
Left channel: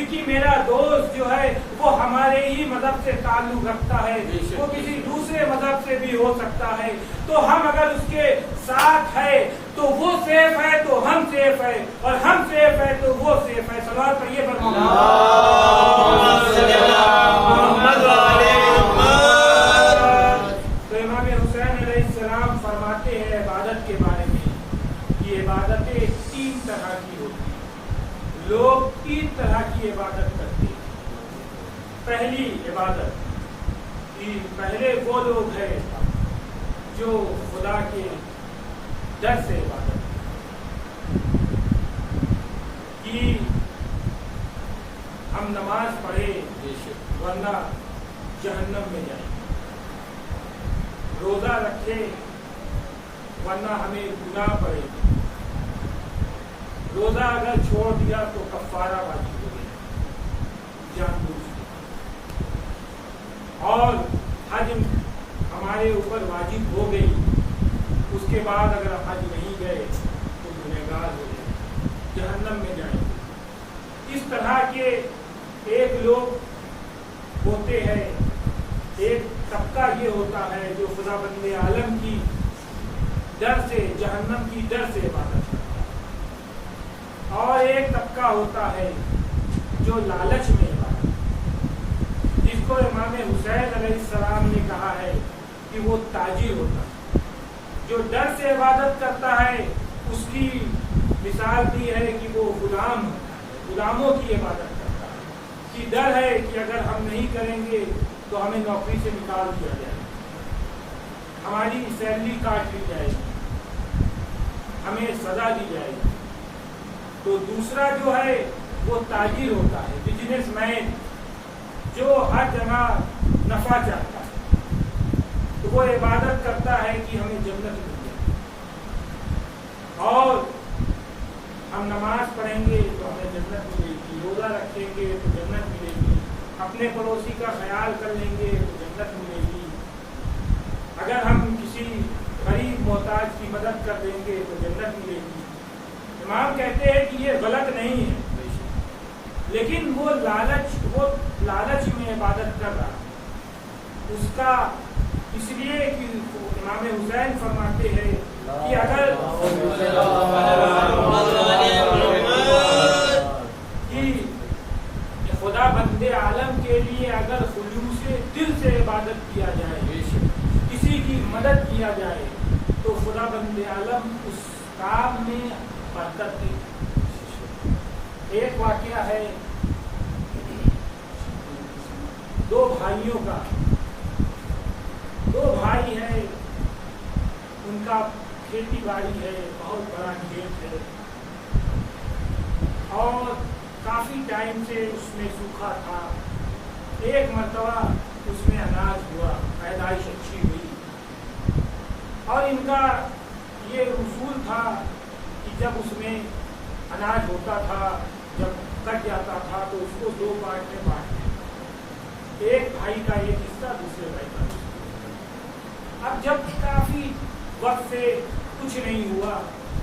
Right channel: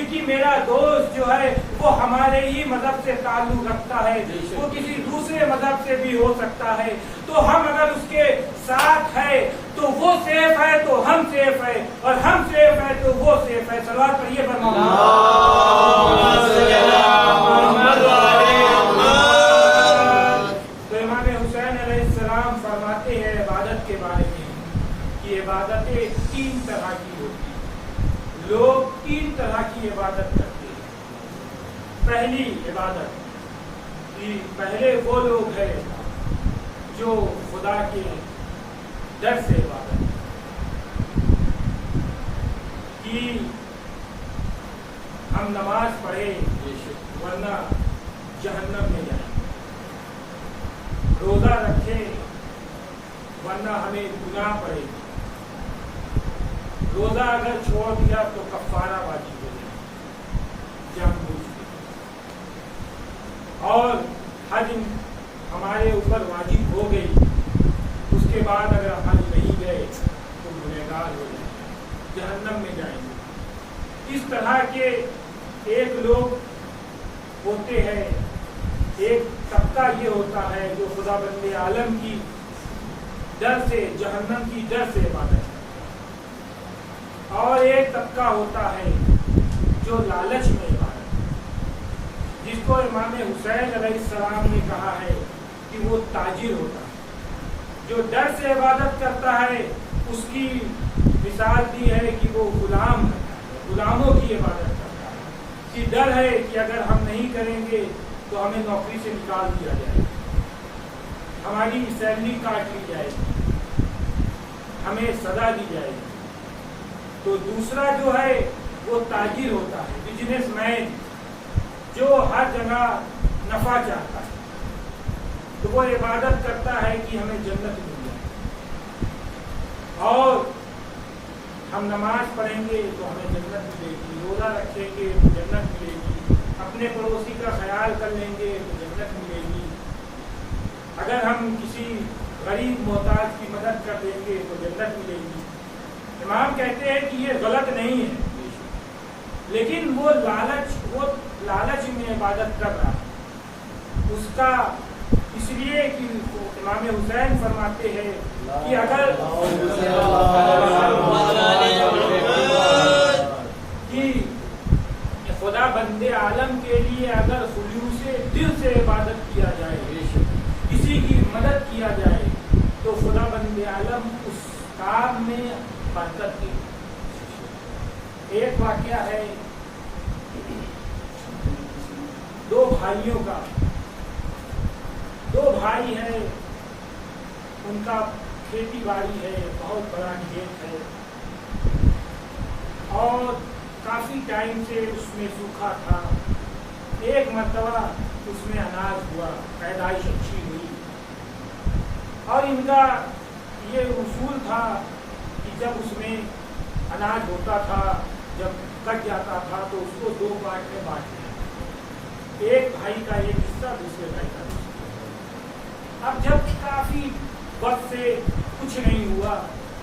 कि मेरा दोस्त जो है वो हमारे ही मजहब से ताल्लुक रखता है, वो किसी दूसरे मजहब से भी हो सकता है। तो हम अगर उसके साथ है तो वो सेफ है, तो हम सेफ है, और हम सेफ है तो वो सेफ है। सलावत पढ़िए पर तो इमाम हुसैन अलैहिस्सलाम फरमाते हैं इबादत के बारे में कि इबादतें 3 तरह की होती हैं। लोग 3 तरह की इबादत करते हैं। पहली इबादत कि पहले वो लोग हैं जो खुदा के डर से इबादत कि हम नमाज पढ़े वरना जहन्नम में जाए, रोजा रखे वरना हमें गुनाह पड़ेगी, रोजा अगर छोड़ दिया तो कफारा वाजिब हो गया जानबूझ के, और हज हमारे ऊपर वाजिब हो गई, उसके बाद अगर हज नहीं गए तो गुनहगार हो गए, जहन्नम में जाएंगे। इस तरह के एक लोग होते हैं। एक तबका ये होता है जो खुदाबंद आलम की डर से, जहन्नम की डर से इबादत करता है, और एक तबका होता है जो लालच में इबादत, जिसको इमाम हुसैन अलैहिस्सलाम ने कहा है कि वो ताजिर होता है। जो डर से इबादत करता है उसकी मिसाल दी है कि वो गुलाम होता है, गुलामों की इबादत करता है, कि डर है कि अगर हम नहीं करेंगे तो हमें नौकरी से निकाल दिया जाएगा, हमारी सैलरी काट ली जाएगी, हमें सजा दी जाएगी। तो दूसरा जो है वो ताजिर होता है, बिजनेसमैन, जो हर जगह नफा चाहता है, तो वो इबादत करता है कि हमें जन्नत मिल जाए, और हम नमाज पढ़ेंगे तो हमें जन्नत मिलेगी, रोजा रखेंगे तो जन्नत मिलेगी, अपने पड़ोसी का ख्याल कर लेंगे तो जन्नत मिलेगी, अगर हम किसी गरीब मोहताज की मदद कर देंगे तो जन्नत मिलेगी। इमाम कहते हैं कि ये गलत नहीं है, لیکن وہ لالچ میں عبادت کر رہا اس کا، اس لیے کہ امام حسین فرماتے ہیں کہ اگر خدا بندے عالم کے لیے اگر خلوص دل سے عبادت کیا جائے، کسی کی مدد کیا جائے، تو خدا بندے عالم اس کام میں برکت دے۔ ایک واقعہ ہے دو بھائیوں کا، دو بھائی ہیں، ان کا کھیتی باڑی ہے، بہت بڑا کھیت ہے اور کافی ٹائم سے اس میں سوکھا تھا۔ ایک مرتبہ اس میں اناج ہوا، پیدائش اچھی ہوئی، اور ان کا یہ اصول تھا کہ جب اس میں اناج ہوتا تھا، جب کٹ جاتا تھا تو اس کو دو پارٹ میں بانٹ دیں، ایک بھائی کا ایک حصہ، دوسرے بھائی کا دوسرا۔ اب جب کافی وقت سے کچھ نہیں ہوا،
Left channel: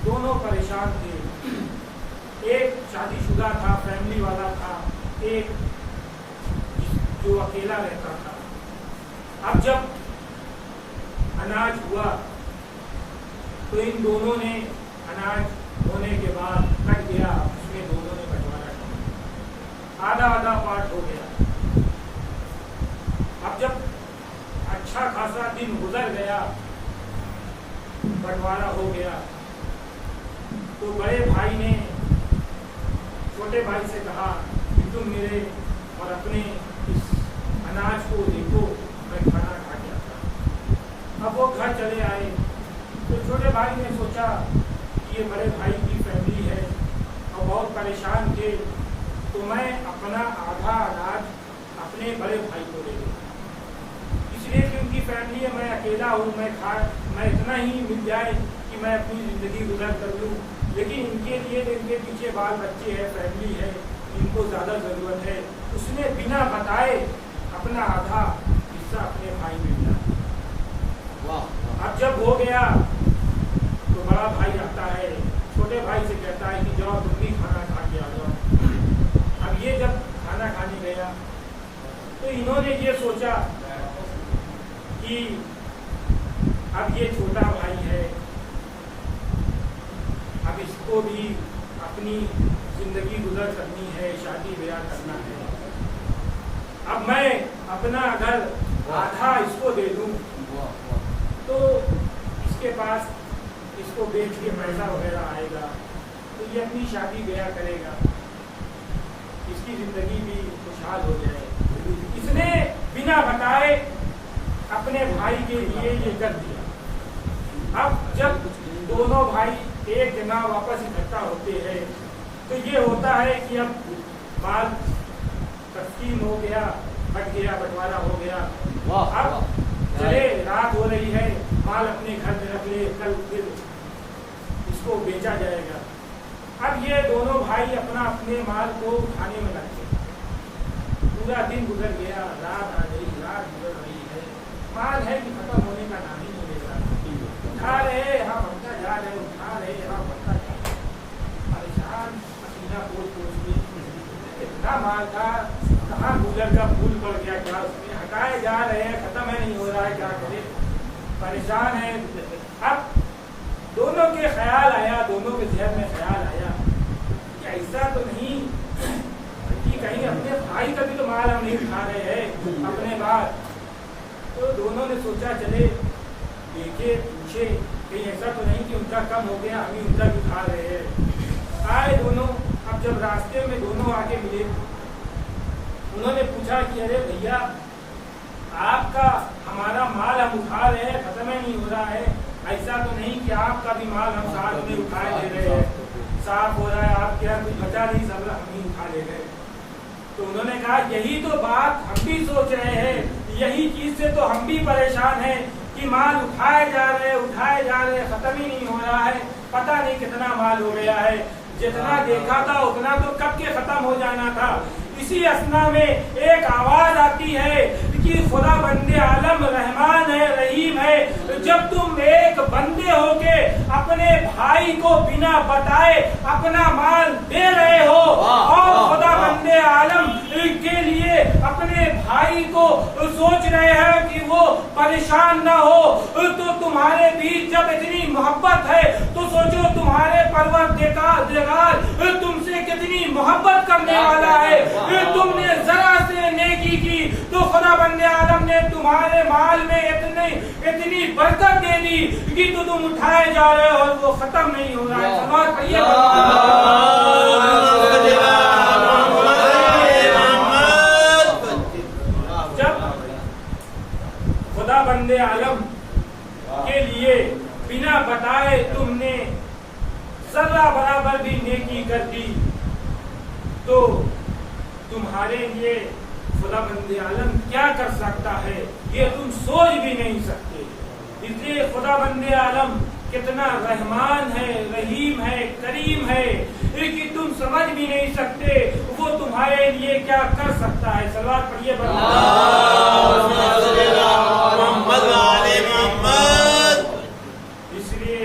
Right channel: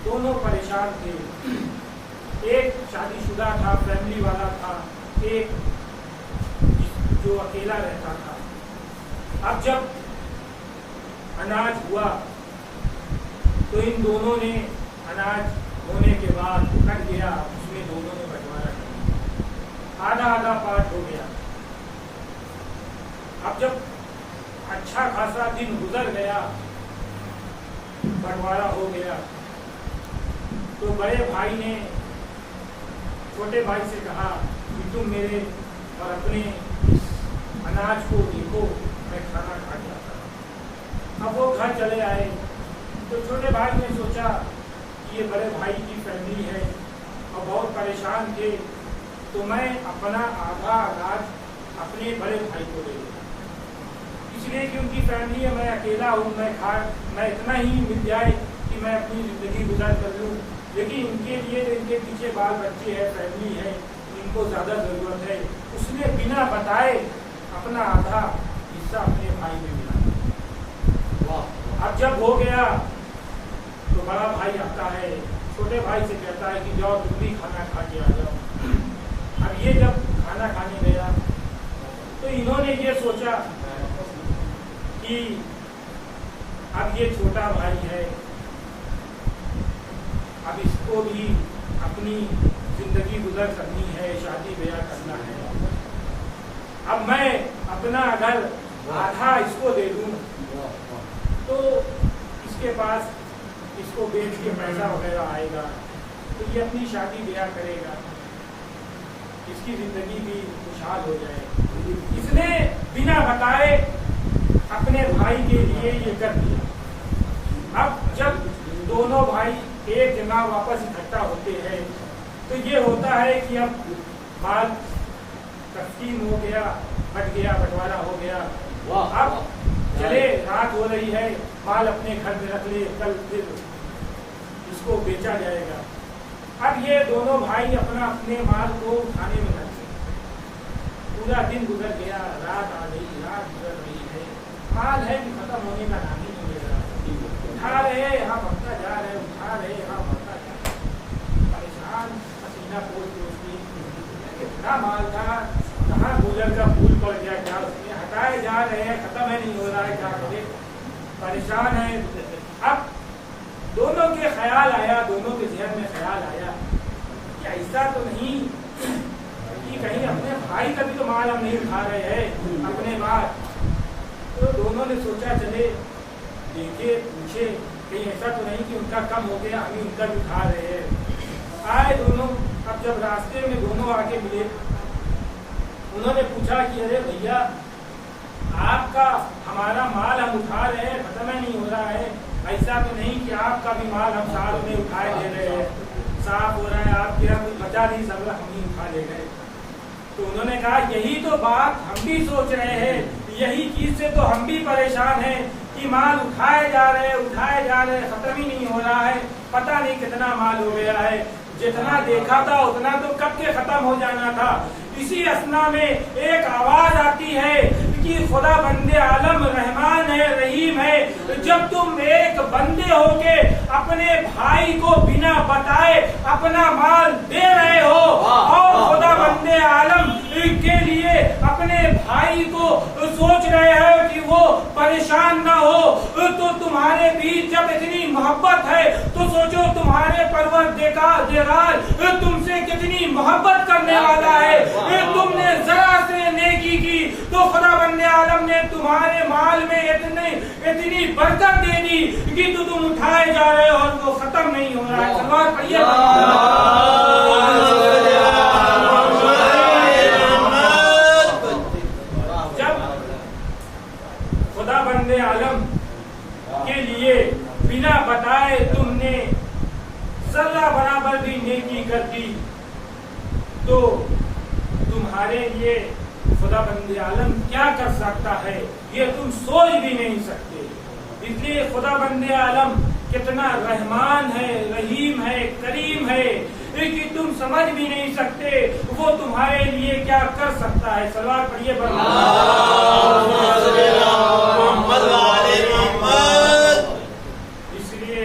دونوں پریشان تھے، ایک شادی شدہ تھا، فیملی والا تھا، ایک جو اکیلا رہتا تھا۔ اب جب اناج ہوا تو ان دونوں نے اناج ہونے کے بعد کٹ گیا، اس میں دونوں نے بٹوارا کیا، آدھا آدھا پارٹ ہو گیا۔ اب جب اچھا خاصا دن گزر گیا، بٹوارا ہو گیا، تو بڑے بھائی نے چھوٹے بھائی سے کہا کہ تم میرے اور اپنے اس اناج کو دیکھو، میں کھانا کھا کے آتا ہوں۔ اب وہ گھر چلے آئے تو چھوٹے بھائی نے سوچا کہ یہ بڑے بھائی کی فیملی ہے اور بہت پریشان تھے، تو میں اپنا آدھا اناج اپنے بڑے بھائی کو دے دوں، اس لیے کہ ان کی فیملی ہے، میں اکیلا ہوں، میں اتنا ہی مل جائے کہ میں اپنی زندگی گزار کر لوں، لیکن ان کے لیے ان کے پیچھے بال بچے ہیں، فیملی ہے، ان کو زیادہ ضرورت ہے۔ اس نے بنا بتائے اپنا آدھا حصہ اپنے بھائی میں ملا۔ اب جب ہو گیا تو بڑا بھائی آتا ہے، چھوٹے بھائی سے کہتا ہے کہ جاؤ تم بھی کھانا کھا کے آ جاؤ۔ اب یہ جب کھانا کھانے گیا تو انہوں نے یہ سوچا کہ اب یہ چھوٹا بھائی ہے، اب اس کو بھی اپنی زندگی گزر کرنی ہے، شادی بیاہ کرنا ہے، اب میں اپنا اگر آدھا اس کو دے دوں تو اس کے پاس اس کو بیچ کے پیسہ وغیرہ آئے گا، تو یہ اپنی شادی بیاہ کرے گا، اس کی زندگی بھی خوشحال ہو جائے۔ اس نے بنا بتائے اپنے بھائی کے لیے یہ کر دیا۔ اب جب دونوں بھائی ایک جگہ واپس اکٹھا ہوتے ہیں تو یہ ہوتا ہے کہ اب مال تقسیم ہو گیا، بٹ گیا، بٹوارا ہو گیا، اب چلے رات ہو رہی ہے، مال اپنے گھر میں رکھ لیے، کل پھر اس کو بیچا جائے گا۔ اب یہ دونوں بھائی اپنا اپنے مال کو کھانے میں لگتے، پورا دن گزر گیا، رات آ گئی، رات گزر رہی ہے، مال ہے کہ ختم ہونے کا نام ہی نہیں لے رہا، اٹھا رہے ہاں بڑھتا جا رہے، اٹھا رہے ہاں بڑھتا جا رہے، پریشان پسینہ پوچھ کے اتنا مال تھا، کہاں گزر کا پھول پڑ گیا، کیا اس میں ہٹائے جا رہے ہیں، ختم ہے نہیں ہو رہا ہے، کیا کرے، پریشان ہے۔ اب دونوں کے خیال آیا، دونوں کے ذہن میں خیال آیا کہ ایسا تو نہیں کہ کہیں اپنے بھائی کا بھی تو مال ہم نہیں اٹھا رہے ہیں اپنے بعد۔ تو دونوں نے سوچا چلے دیکھے، پوچھے کہیں ایسا تو نہیں کہ ان کا کم ہو گیا، ہم ہی ان کا بھی اٹھا رہے ہیں۔ آئے دونوں، اب جب راستے میں دونوں آگے ملے، انہوں نے پوچھا کہ ارے بھیا آپ کا ہمارا مال ہم اٹھا رہے ہیں، ختم ہی نہیں ہو رہا ہے، ایسا تو نہیں کہ آپ کا بھی مال ہم ساتھ میں اٹھائے دے رہے ہیں، صاف ہو رہا ہے، آپ کے یہاں کچھ بچا نہیں، سب ہم ہی اٹھا لے گئے۔ تو انہوں نے کہا یہی تو بات ہم بھی سوچ رہے ہیں، یہی چیز سے تو ہم بھی پریشان ہیں کہ مال اٹھائے جا رہے، ختم ہی نہیں ہو رہا ہے، پتہ نہیں کتنا مال ہو گیا ہے، جتنا دیکھا تھا اتنا تو کب کے ختم ہو جانا تھا۔ اسی اسنا میں ایک آواز آتی ہے کہ خدا بندے عالم رحمان ہے، رحیم ہے، جب تم ایک بندے ہو کے اپنے بھائی کو بنا بتائے اپنا مال دے رہے ہو اور خدا بندے सोच रहे हैं कि वो परेशान ना हो, तो तुम्हारे बीच जब इतनी मोहब्बत है तो सोचो तुम्हारे परवरदिगार तुमसे कितनी मोहब्बत करने वाला है। तुमने जरा से नेकी की तो खुदा बंदे आलम ने तुम्हारे माल में इतनी बरकत दे दी कि तो तुम उठाए जा रहे हो और वो खत्म नहीं हो रहा है। सलवात पढ़िए। जब खुदा बंदे आलम के लिए बिना बताए तुमने जर्रा बराबर भी नेकी कर दी तो तुम्हारे लिए खुदा बंदे आलम क्या कर सकता है ये तुम सोच भी नहीं सकते। इसलिए खुदा बंदे आलम कितना रहमान है, रहीम है, करीम है कि तुम समझ भी नहीं सकते वो तुम्हारे लिए क्या कर सकता है। सलवात पढ़िए। इसलिए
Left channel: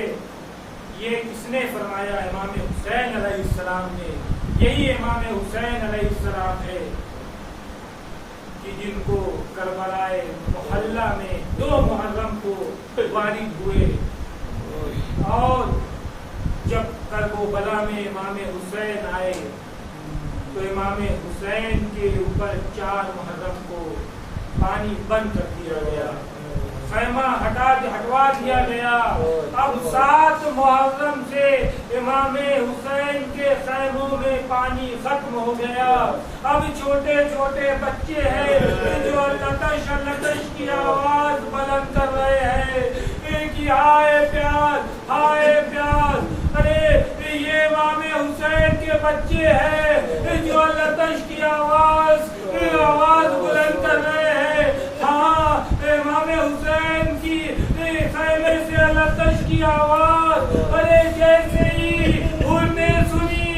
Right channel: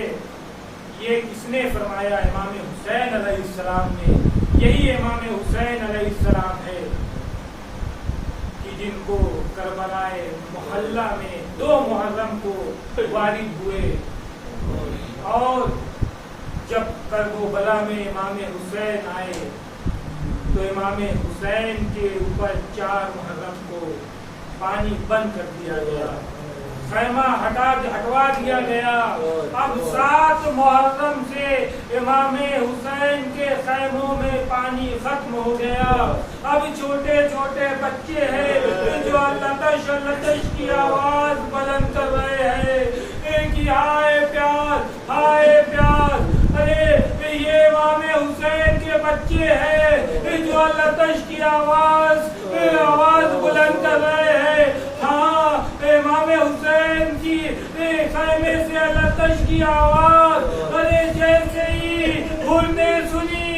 ये किसने फरमाया? इमाम हुसैन अलैहिस्सलाम ने। यही इमाम हुसैन अलैहिस्सलाम है कि जिनको करबलाए मोहल्ला में 2 मुहर्रम को वारिद हुए और जब करबला में इमाम हुसैन आए तो इमाम हुसैन के ऊपर 4 मुहर्रम को पानी बंद कर दिया गया, खैमा हटवा दिया गया। अब 7 मुहर्रम से इमाम हुसैन के खैमों में पानी खत्म हो गया। अब छोटे छोटे बच्चे हैं जो लतश लतश की आवाज बुलंद कर रहे हैं कि हाय प्यास, हाय प्यास। अरे ये इमाम हुसैन के बच्चे हैं जो लतश की आवाज बुलंद कर रहे हैं। हाँ, इमाम हुसैन की खैमे से लतश की आवाज। अरे जैसे ही हुर ने सुनी,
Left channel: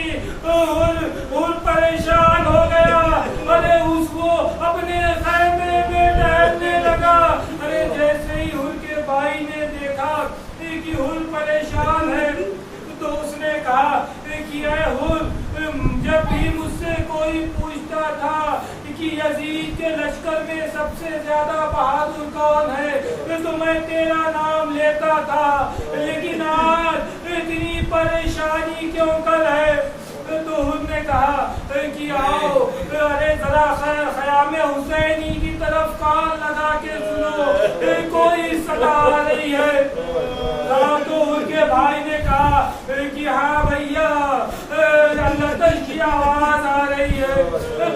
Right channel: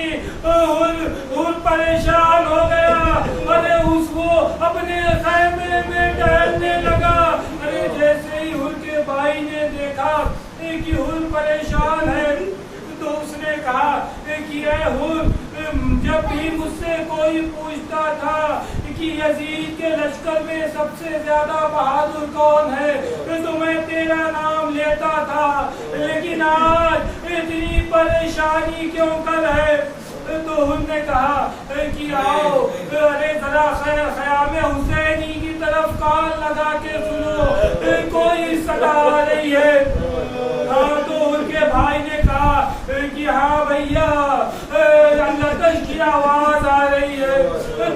हुर परेशान हो गया। अरे उसको अपने खैमे में टहलने लगा। अरे जैसे ही हुर के भाई ने देखा कि हुर परेशान है तो उसने कहा कि हुर, जब भी मुझसे कोई पूछता था कि यजीद के लश्कर में सबसे ज्यादा बहादुर कौन है तो मैं तेरा नाम लेता था, लेकिन आज इतनी परेशानी क्यों कल है? तो उन्होंने कहा कि आओ, अरे जरा ख़याम हुसैनी की तरफ कान लगा के सुनो, कोई सदा आ रही है। हाँ, तो उनके भाई ने कहा कि हाँ भैया, लतश की आवाज आ रही है।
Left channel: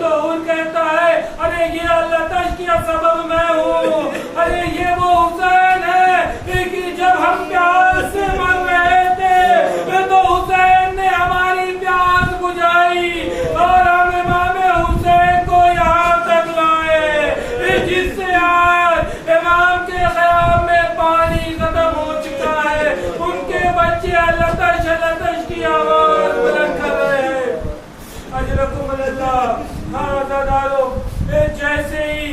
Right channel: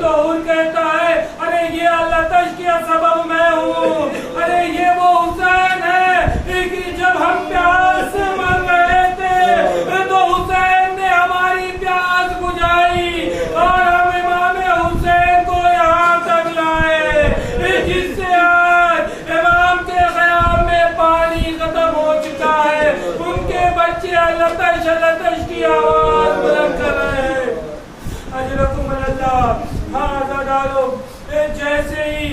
तो उन कहता है अरे ये लतश की सबब मैं हूँ। अरे ये वो हुसैन है कि जब हम प्यास से मर रहे थे तो हुसैन ने हमारी प्यास बुझाई और हम इमाम हुसैन को यहाँ तक लाए, जिससे आज इमाम के ख़याम में पानी खत्म हो चुका है। उनके बच्चे लतश लतश की आवाज बुलंद कर रहे हैं। अजरकुम अल्लाह। हाँ दारो, जैसे ही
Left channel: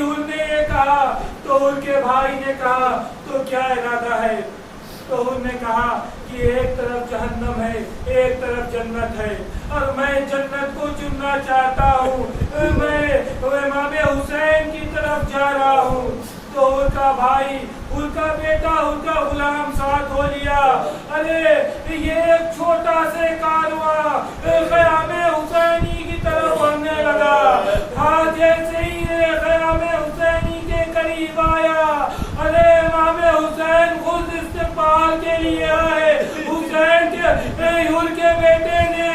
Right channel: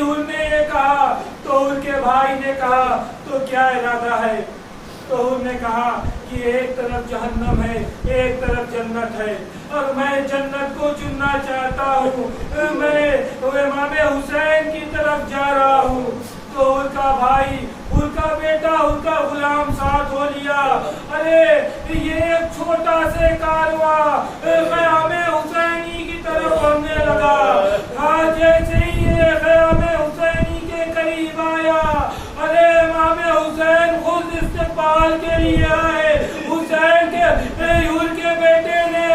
उन्होंने ये कहा तो उनके भाई ने कहा तो क्या इरादा है? तो उन्होंने कहा कि एक तरफ जहन्नम है, एक तरफ जन्नत है और मैं जन्नत को चुनना चाहता हूँ। मैं इमाम हुसैन की तरफ जा रहा हूँ। तो उनका भाई, उनका बेटा, उनका गुलाम साथ हो लिया। अरे ये एक छोटा से कारवां ख़याम हुसैनी की तरफ बढ़ने लगा। हाँ, जैसे ही ये ख़याम हुसैनी के करीब आया, अरे इमाम हुसैन खुद इस्तेमाल के लिए आए। हुसैन के बेटे ने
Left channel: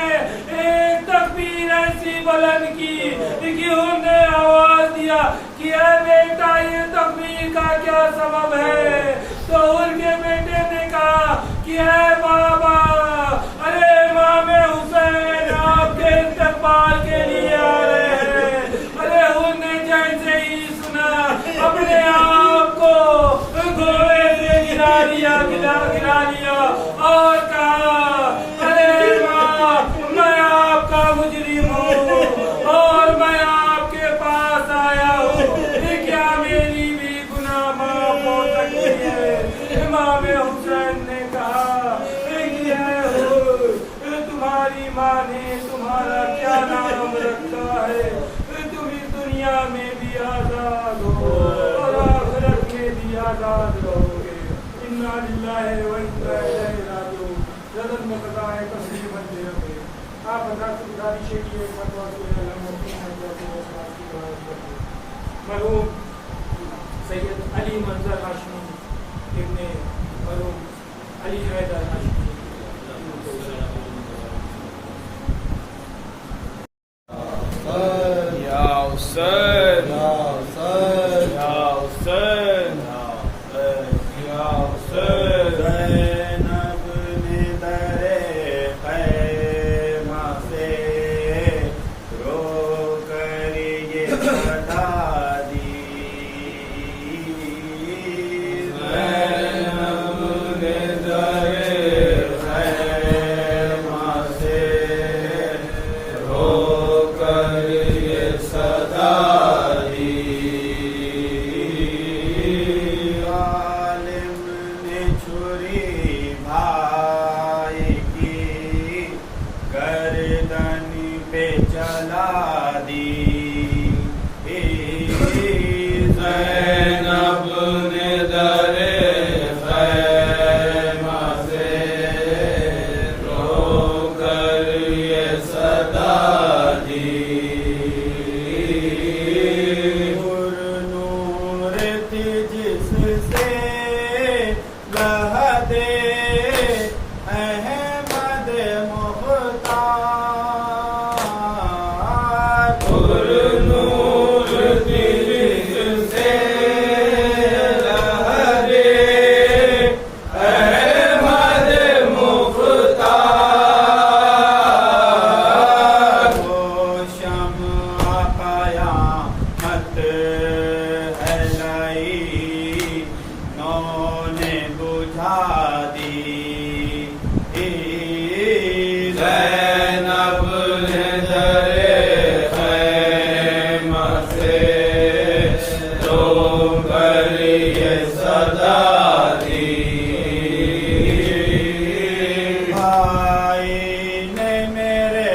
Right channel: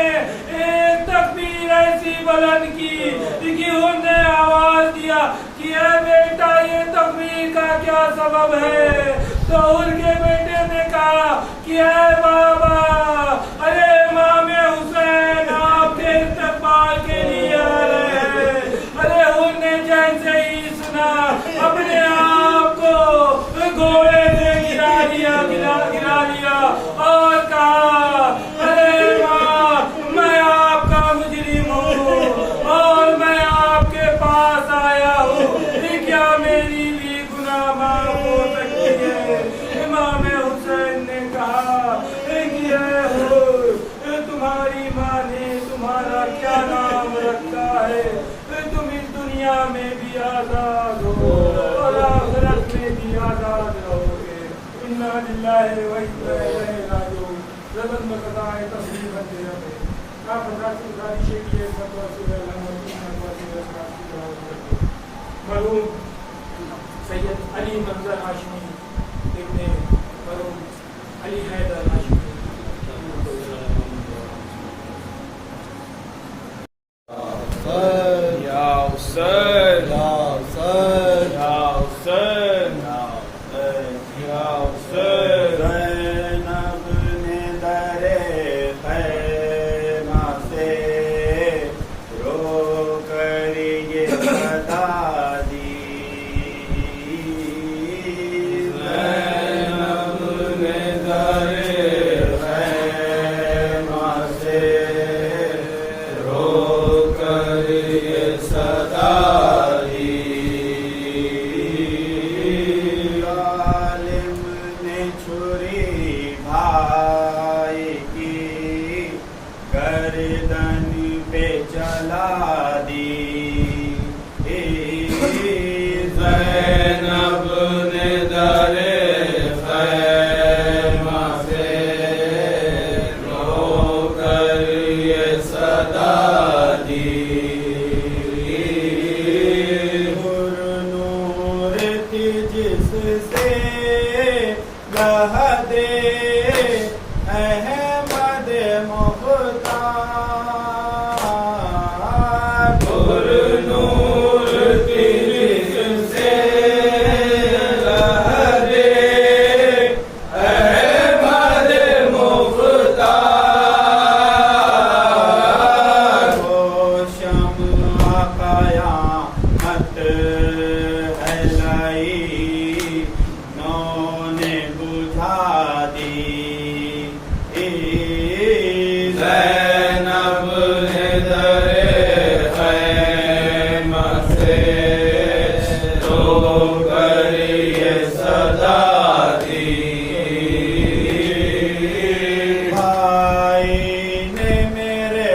एक तकबीर ऐसी बुलंद की कि उन्होंने आवाज दिया कि ए बेटा, ये तकबीर का क्या सबब है? तो उनके बेटे ने कहा कि ए बाबा, अरे इमाम हुसैन आपके इस्तेमाल के लिए आ रहे हैं। अरे उन्होंने जैसे ही सुना अपने आप को घोड़े से गिरा लिया और कहा अरे माँ, मैं आपका मुजरिम हूँ और मैं आपके पास आया हूँ, क्या मेरी भी गुनाह माफ हो सकती है? इमाम हुसैन ने कहा कि तुम्हारी माँ ने तुम्हारा क्या नाम रखा है? तुम इस दुनिया में भी आजाद हो और आखिरत में भी आजाद रहोगे। इन्ना लिल्लाहि व इन्ना इलैहि राजिऊन। रदन में कदाए तस्लीम बनते रहे। आप हज़रात से गुजारिश है कि एक फतवा सूरह अल-अनबिया मरहूम सैयद अली मंजर हाशमी इब्ने मरहूम अली हैदर हाशमी या हुसैन या हुसैन या हुसैन या हुसैन। ज़ैनब ने दरे खैमा से रो कर ये सदा दी। ज़ैनब ने दरे खैमा से रो कर ये सदा दी। आलिम ने छुरी भाई की गर्दन पे चला दी। ज़ैनब ने दरे खैमा से रो कर ये सदा दी। नूर थी जिससे लहदे अहमद मुख्तार। नूर से लहरे अहमद मुख्तार। वो शम्अ क़यामत है लाई, नौने बुझा दी। ज़ैनब ने दरे खैमा से रो कर ये सदा दी। भाई ने मेरे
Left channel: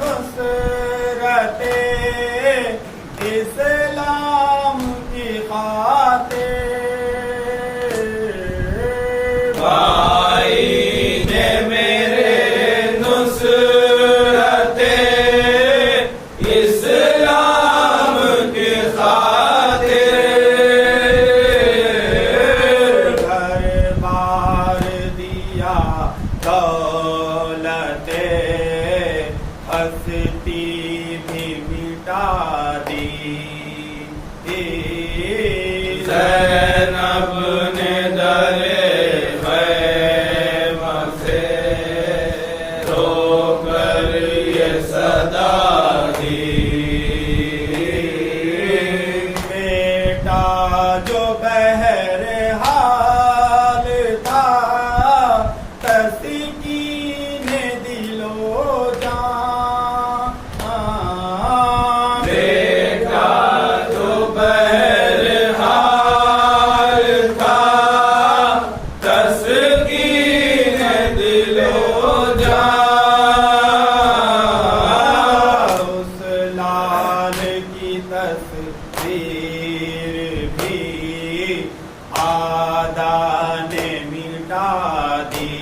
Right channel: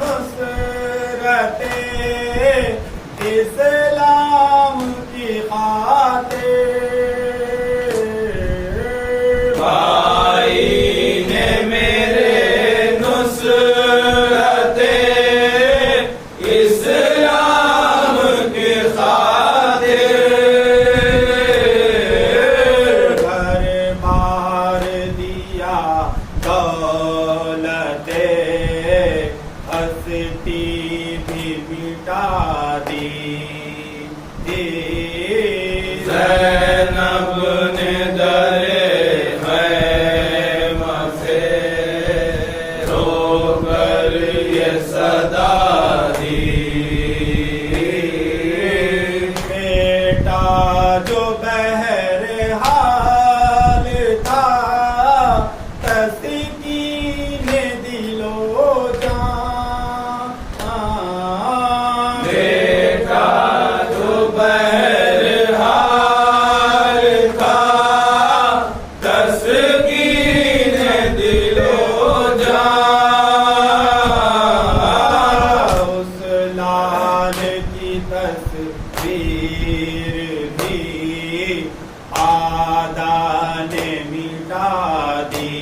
नुसरते इस्लाम की खातिर। भाई ने मेरे नुसरते इस्लाम की खातिर। घर बार दिया दौलते हस्ती भी मिटा दी। ज़ैनब ने दरे खैमा से रो कर ये सदा दी। बेटा जो बहरहाल था तस्कीने दिलो जान। बेटा जो बहरहाल था तस्कीन दिलो जान। उस लाल की तस्वीर भी आदा ने मिटा दी।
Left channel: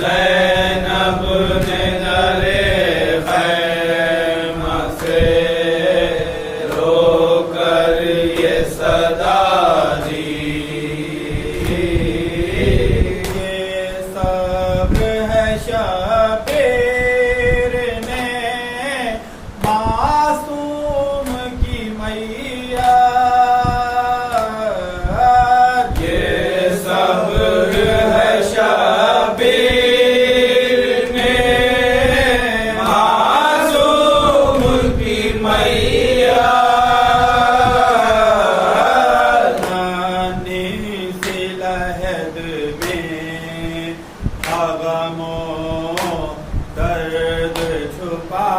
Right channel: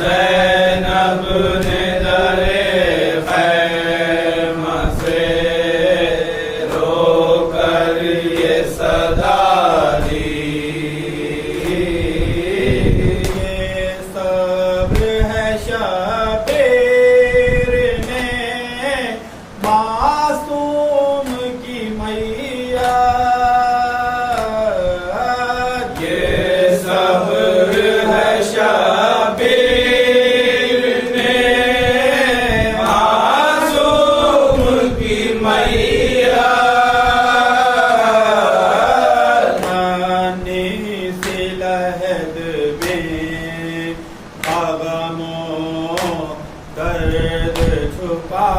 ज़ैनब ने दरे खैमा से रो कर ये सदा दी। ये सब्र है शबीर ने मासूम की मैया। ये सब्र है शबीर ने मासूम की मैया। नानी सी लहद में गमों दर्द छुपा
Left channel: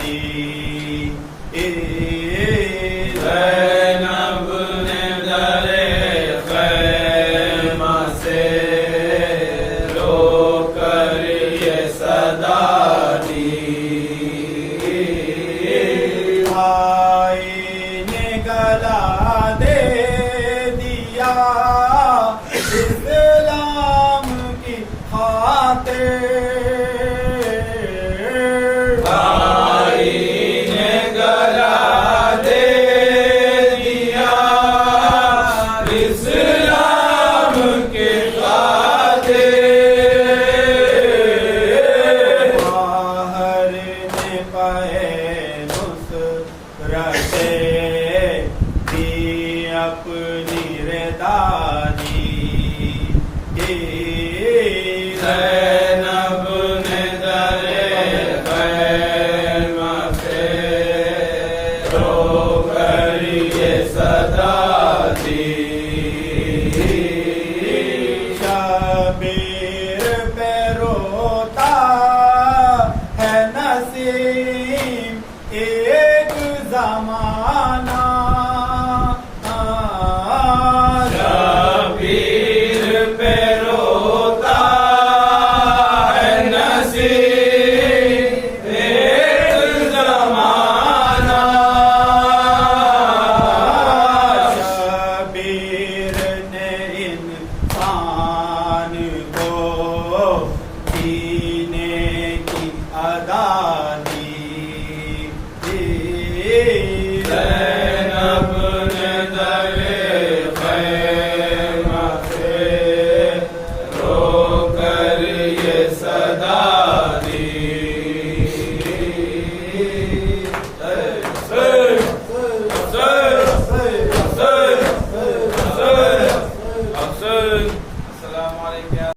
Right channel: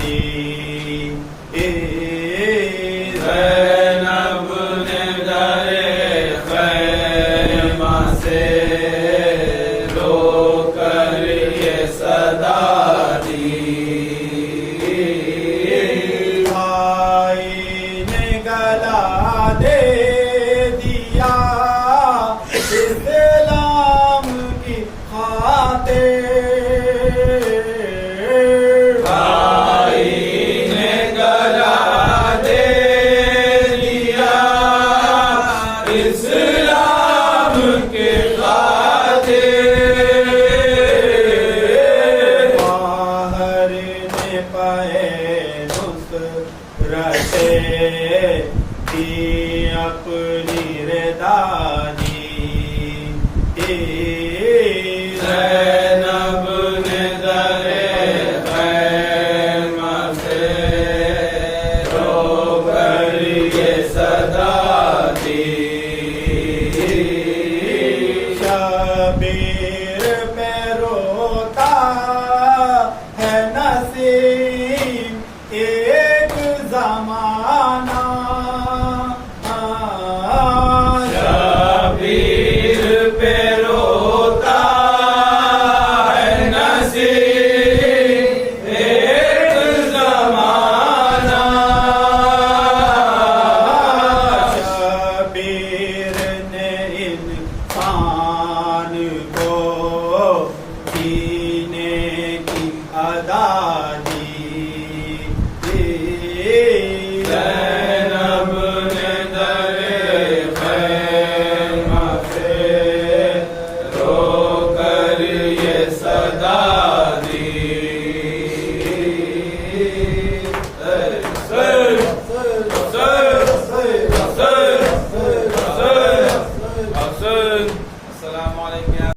दी।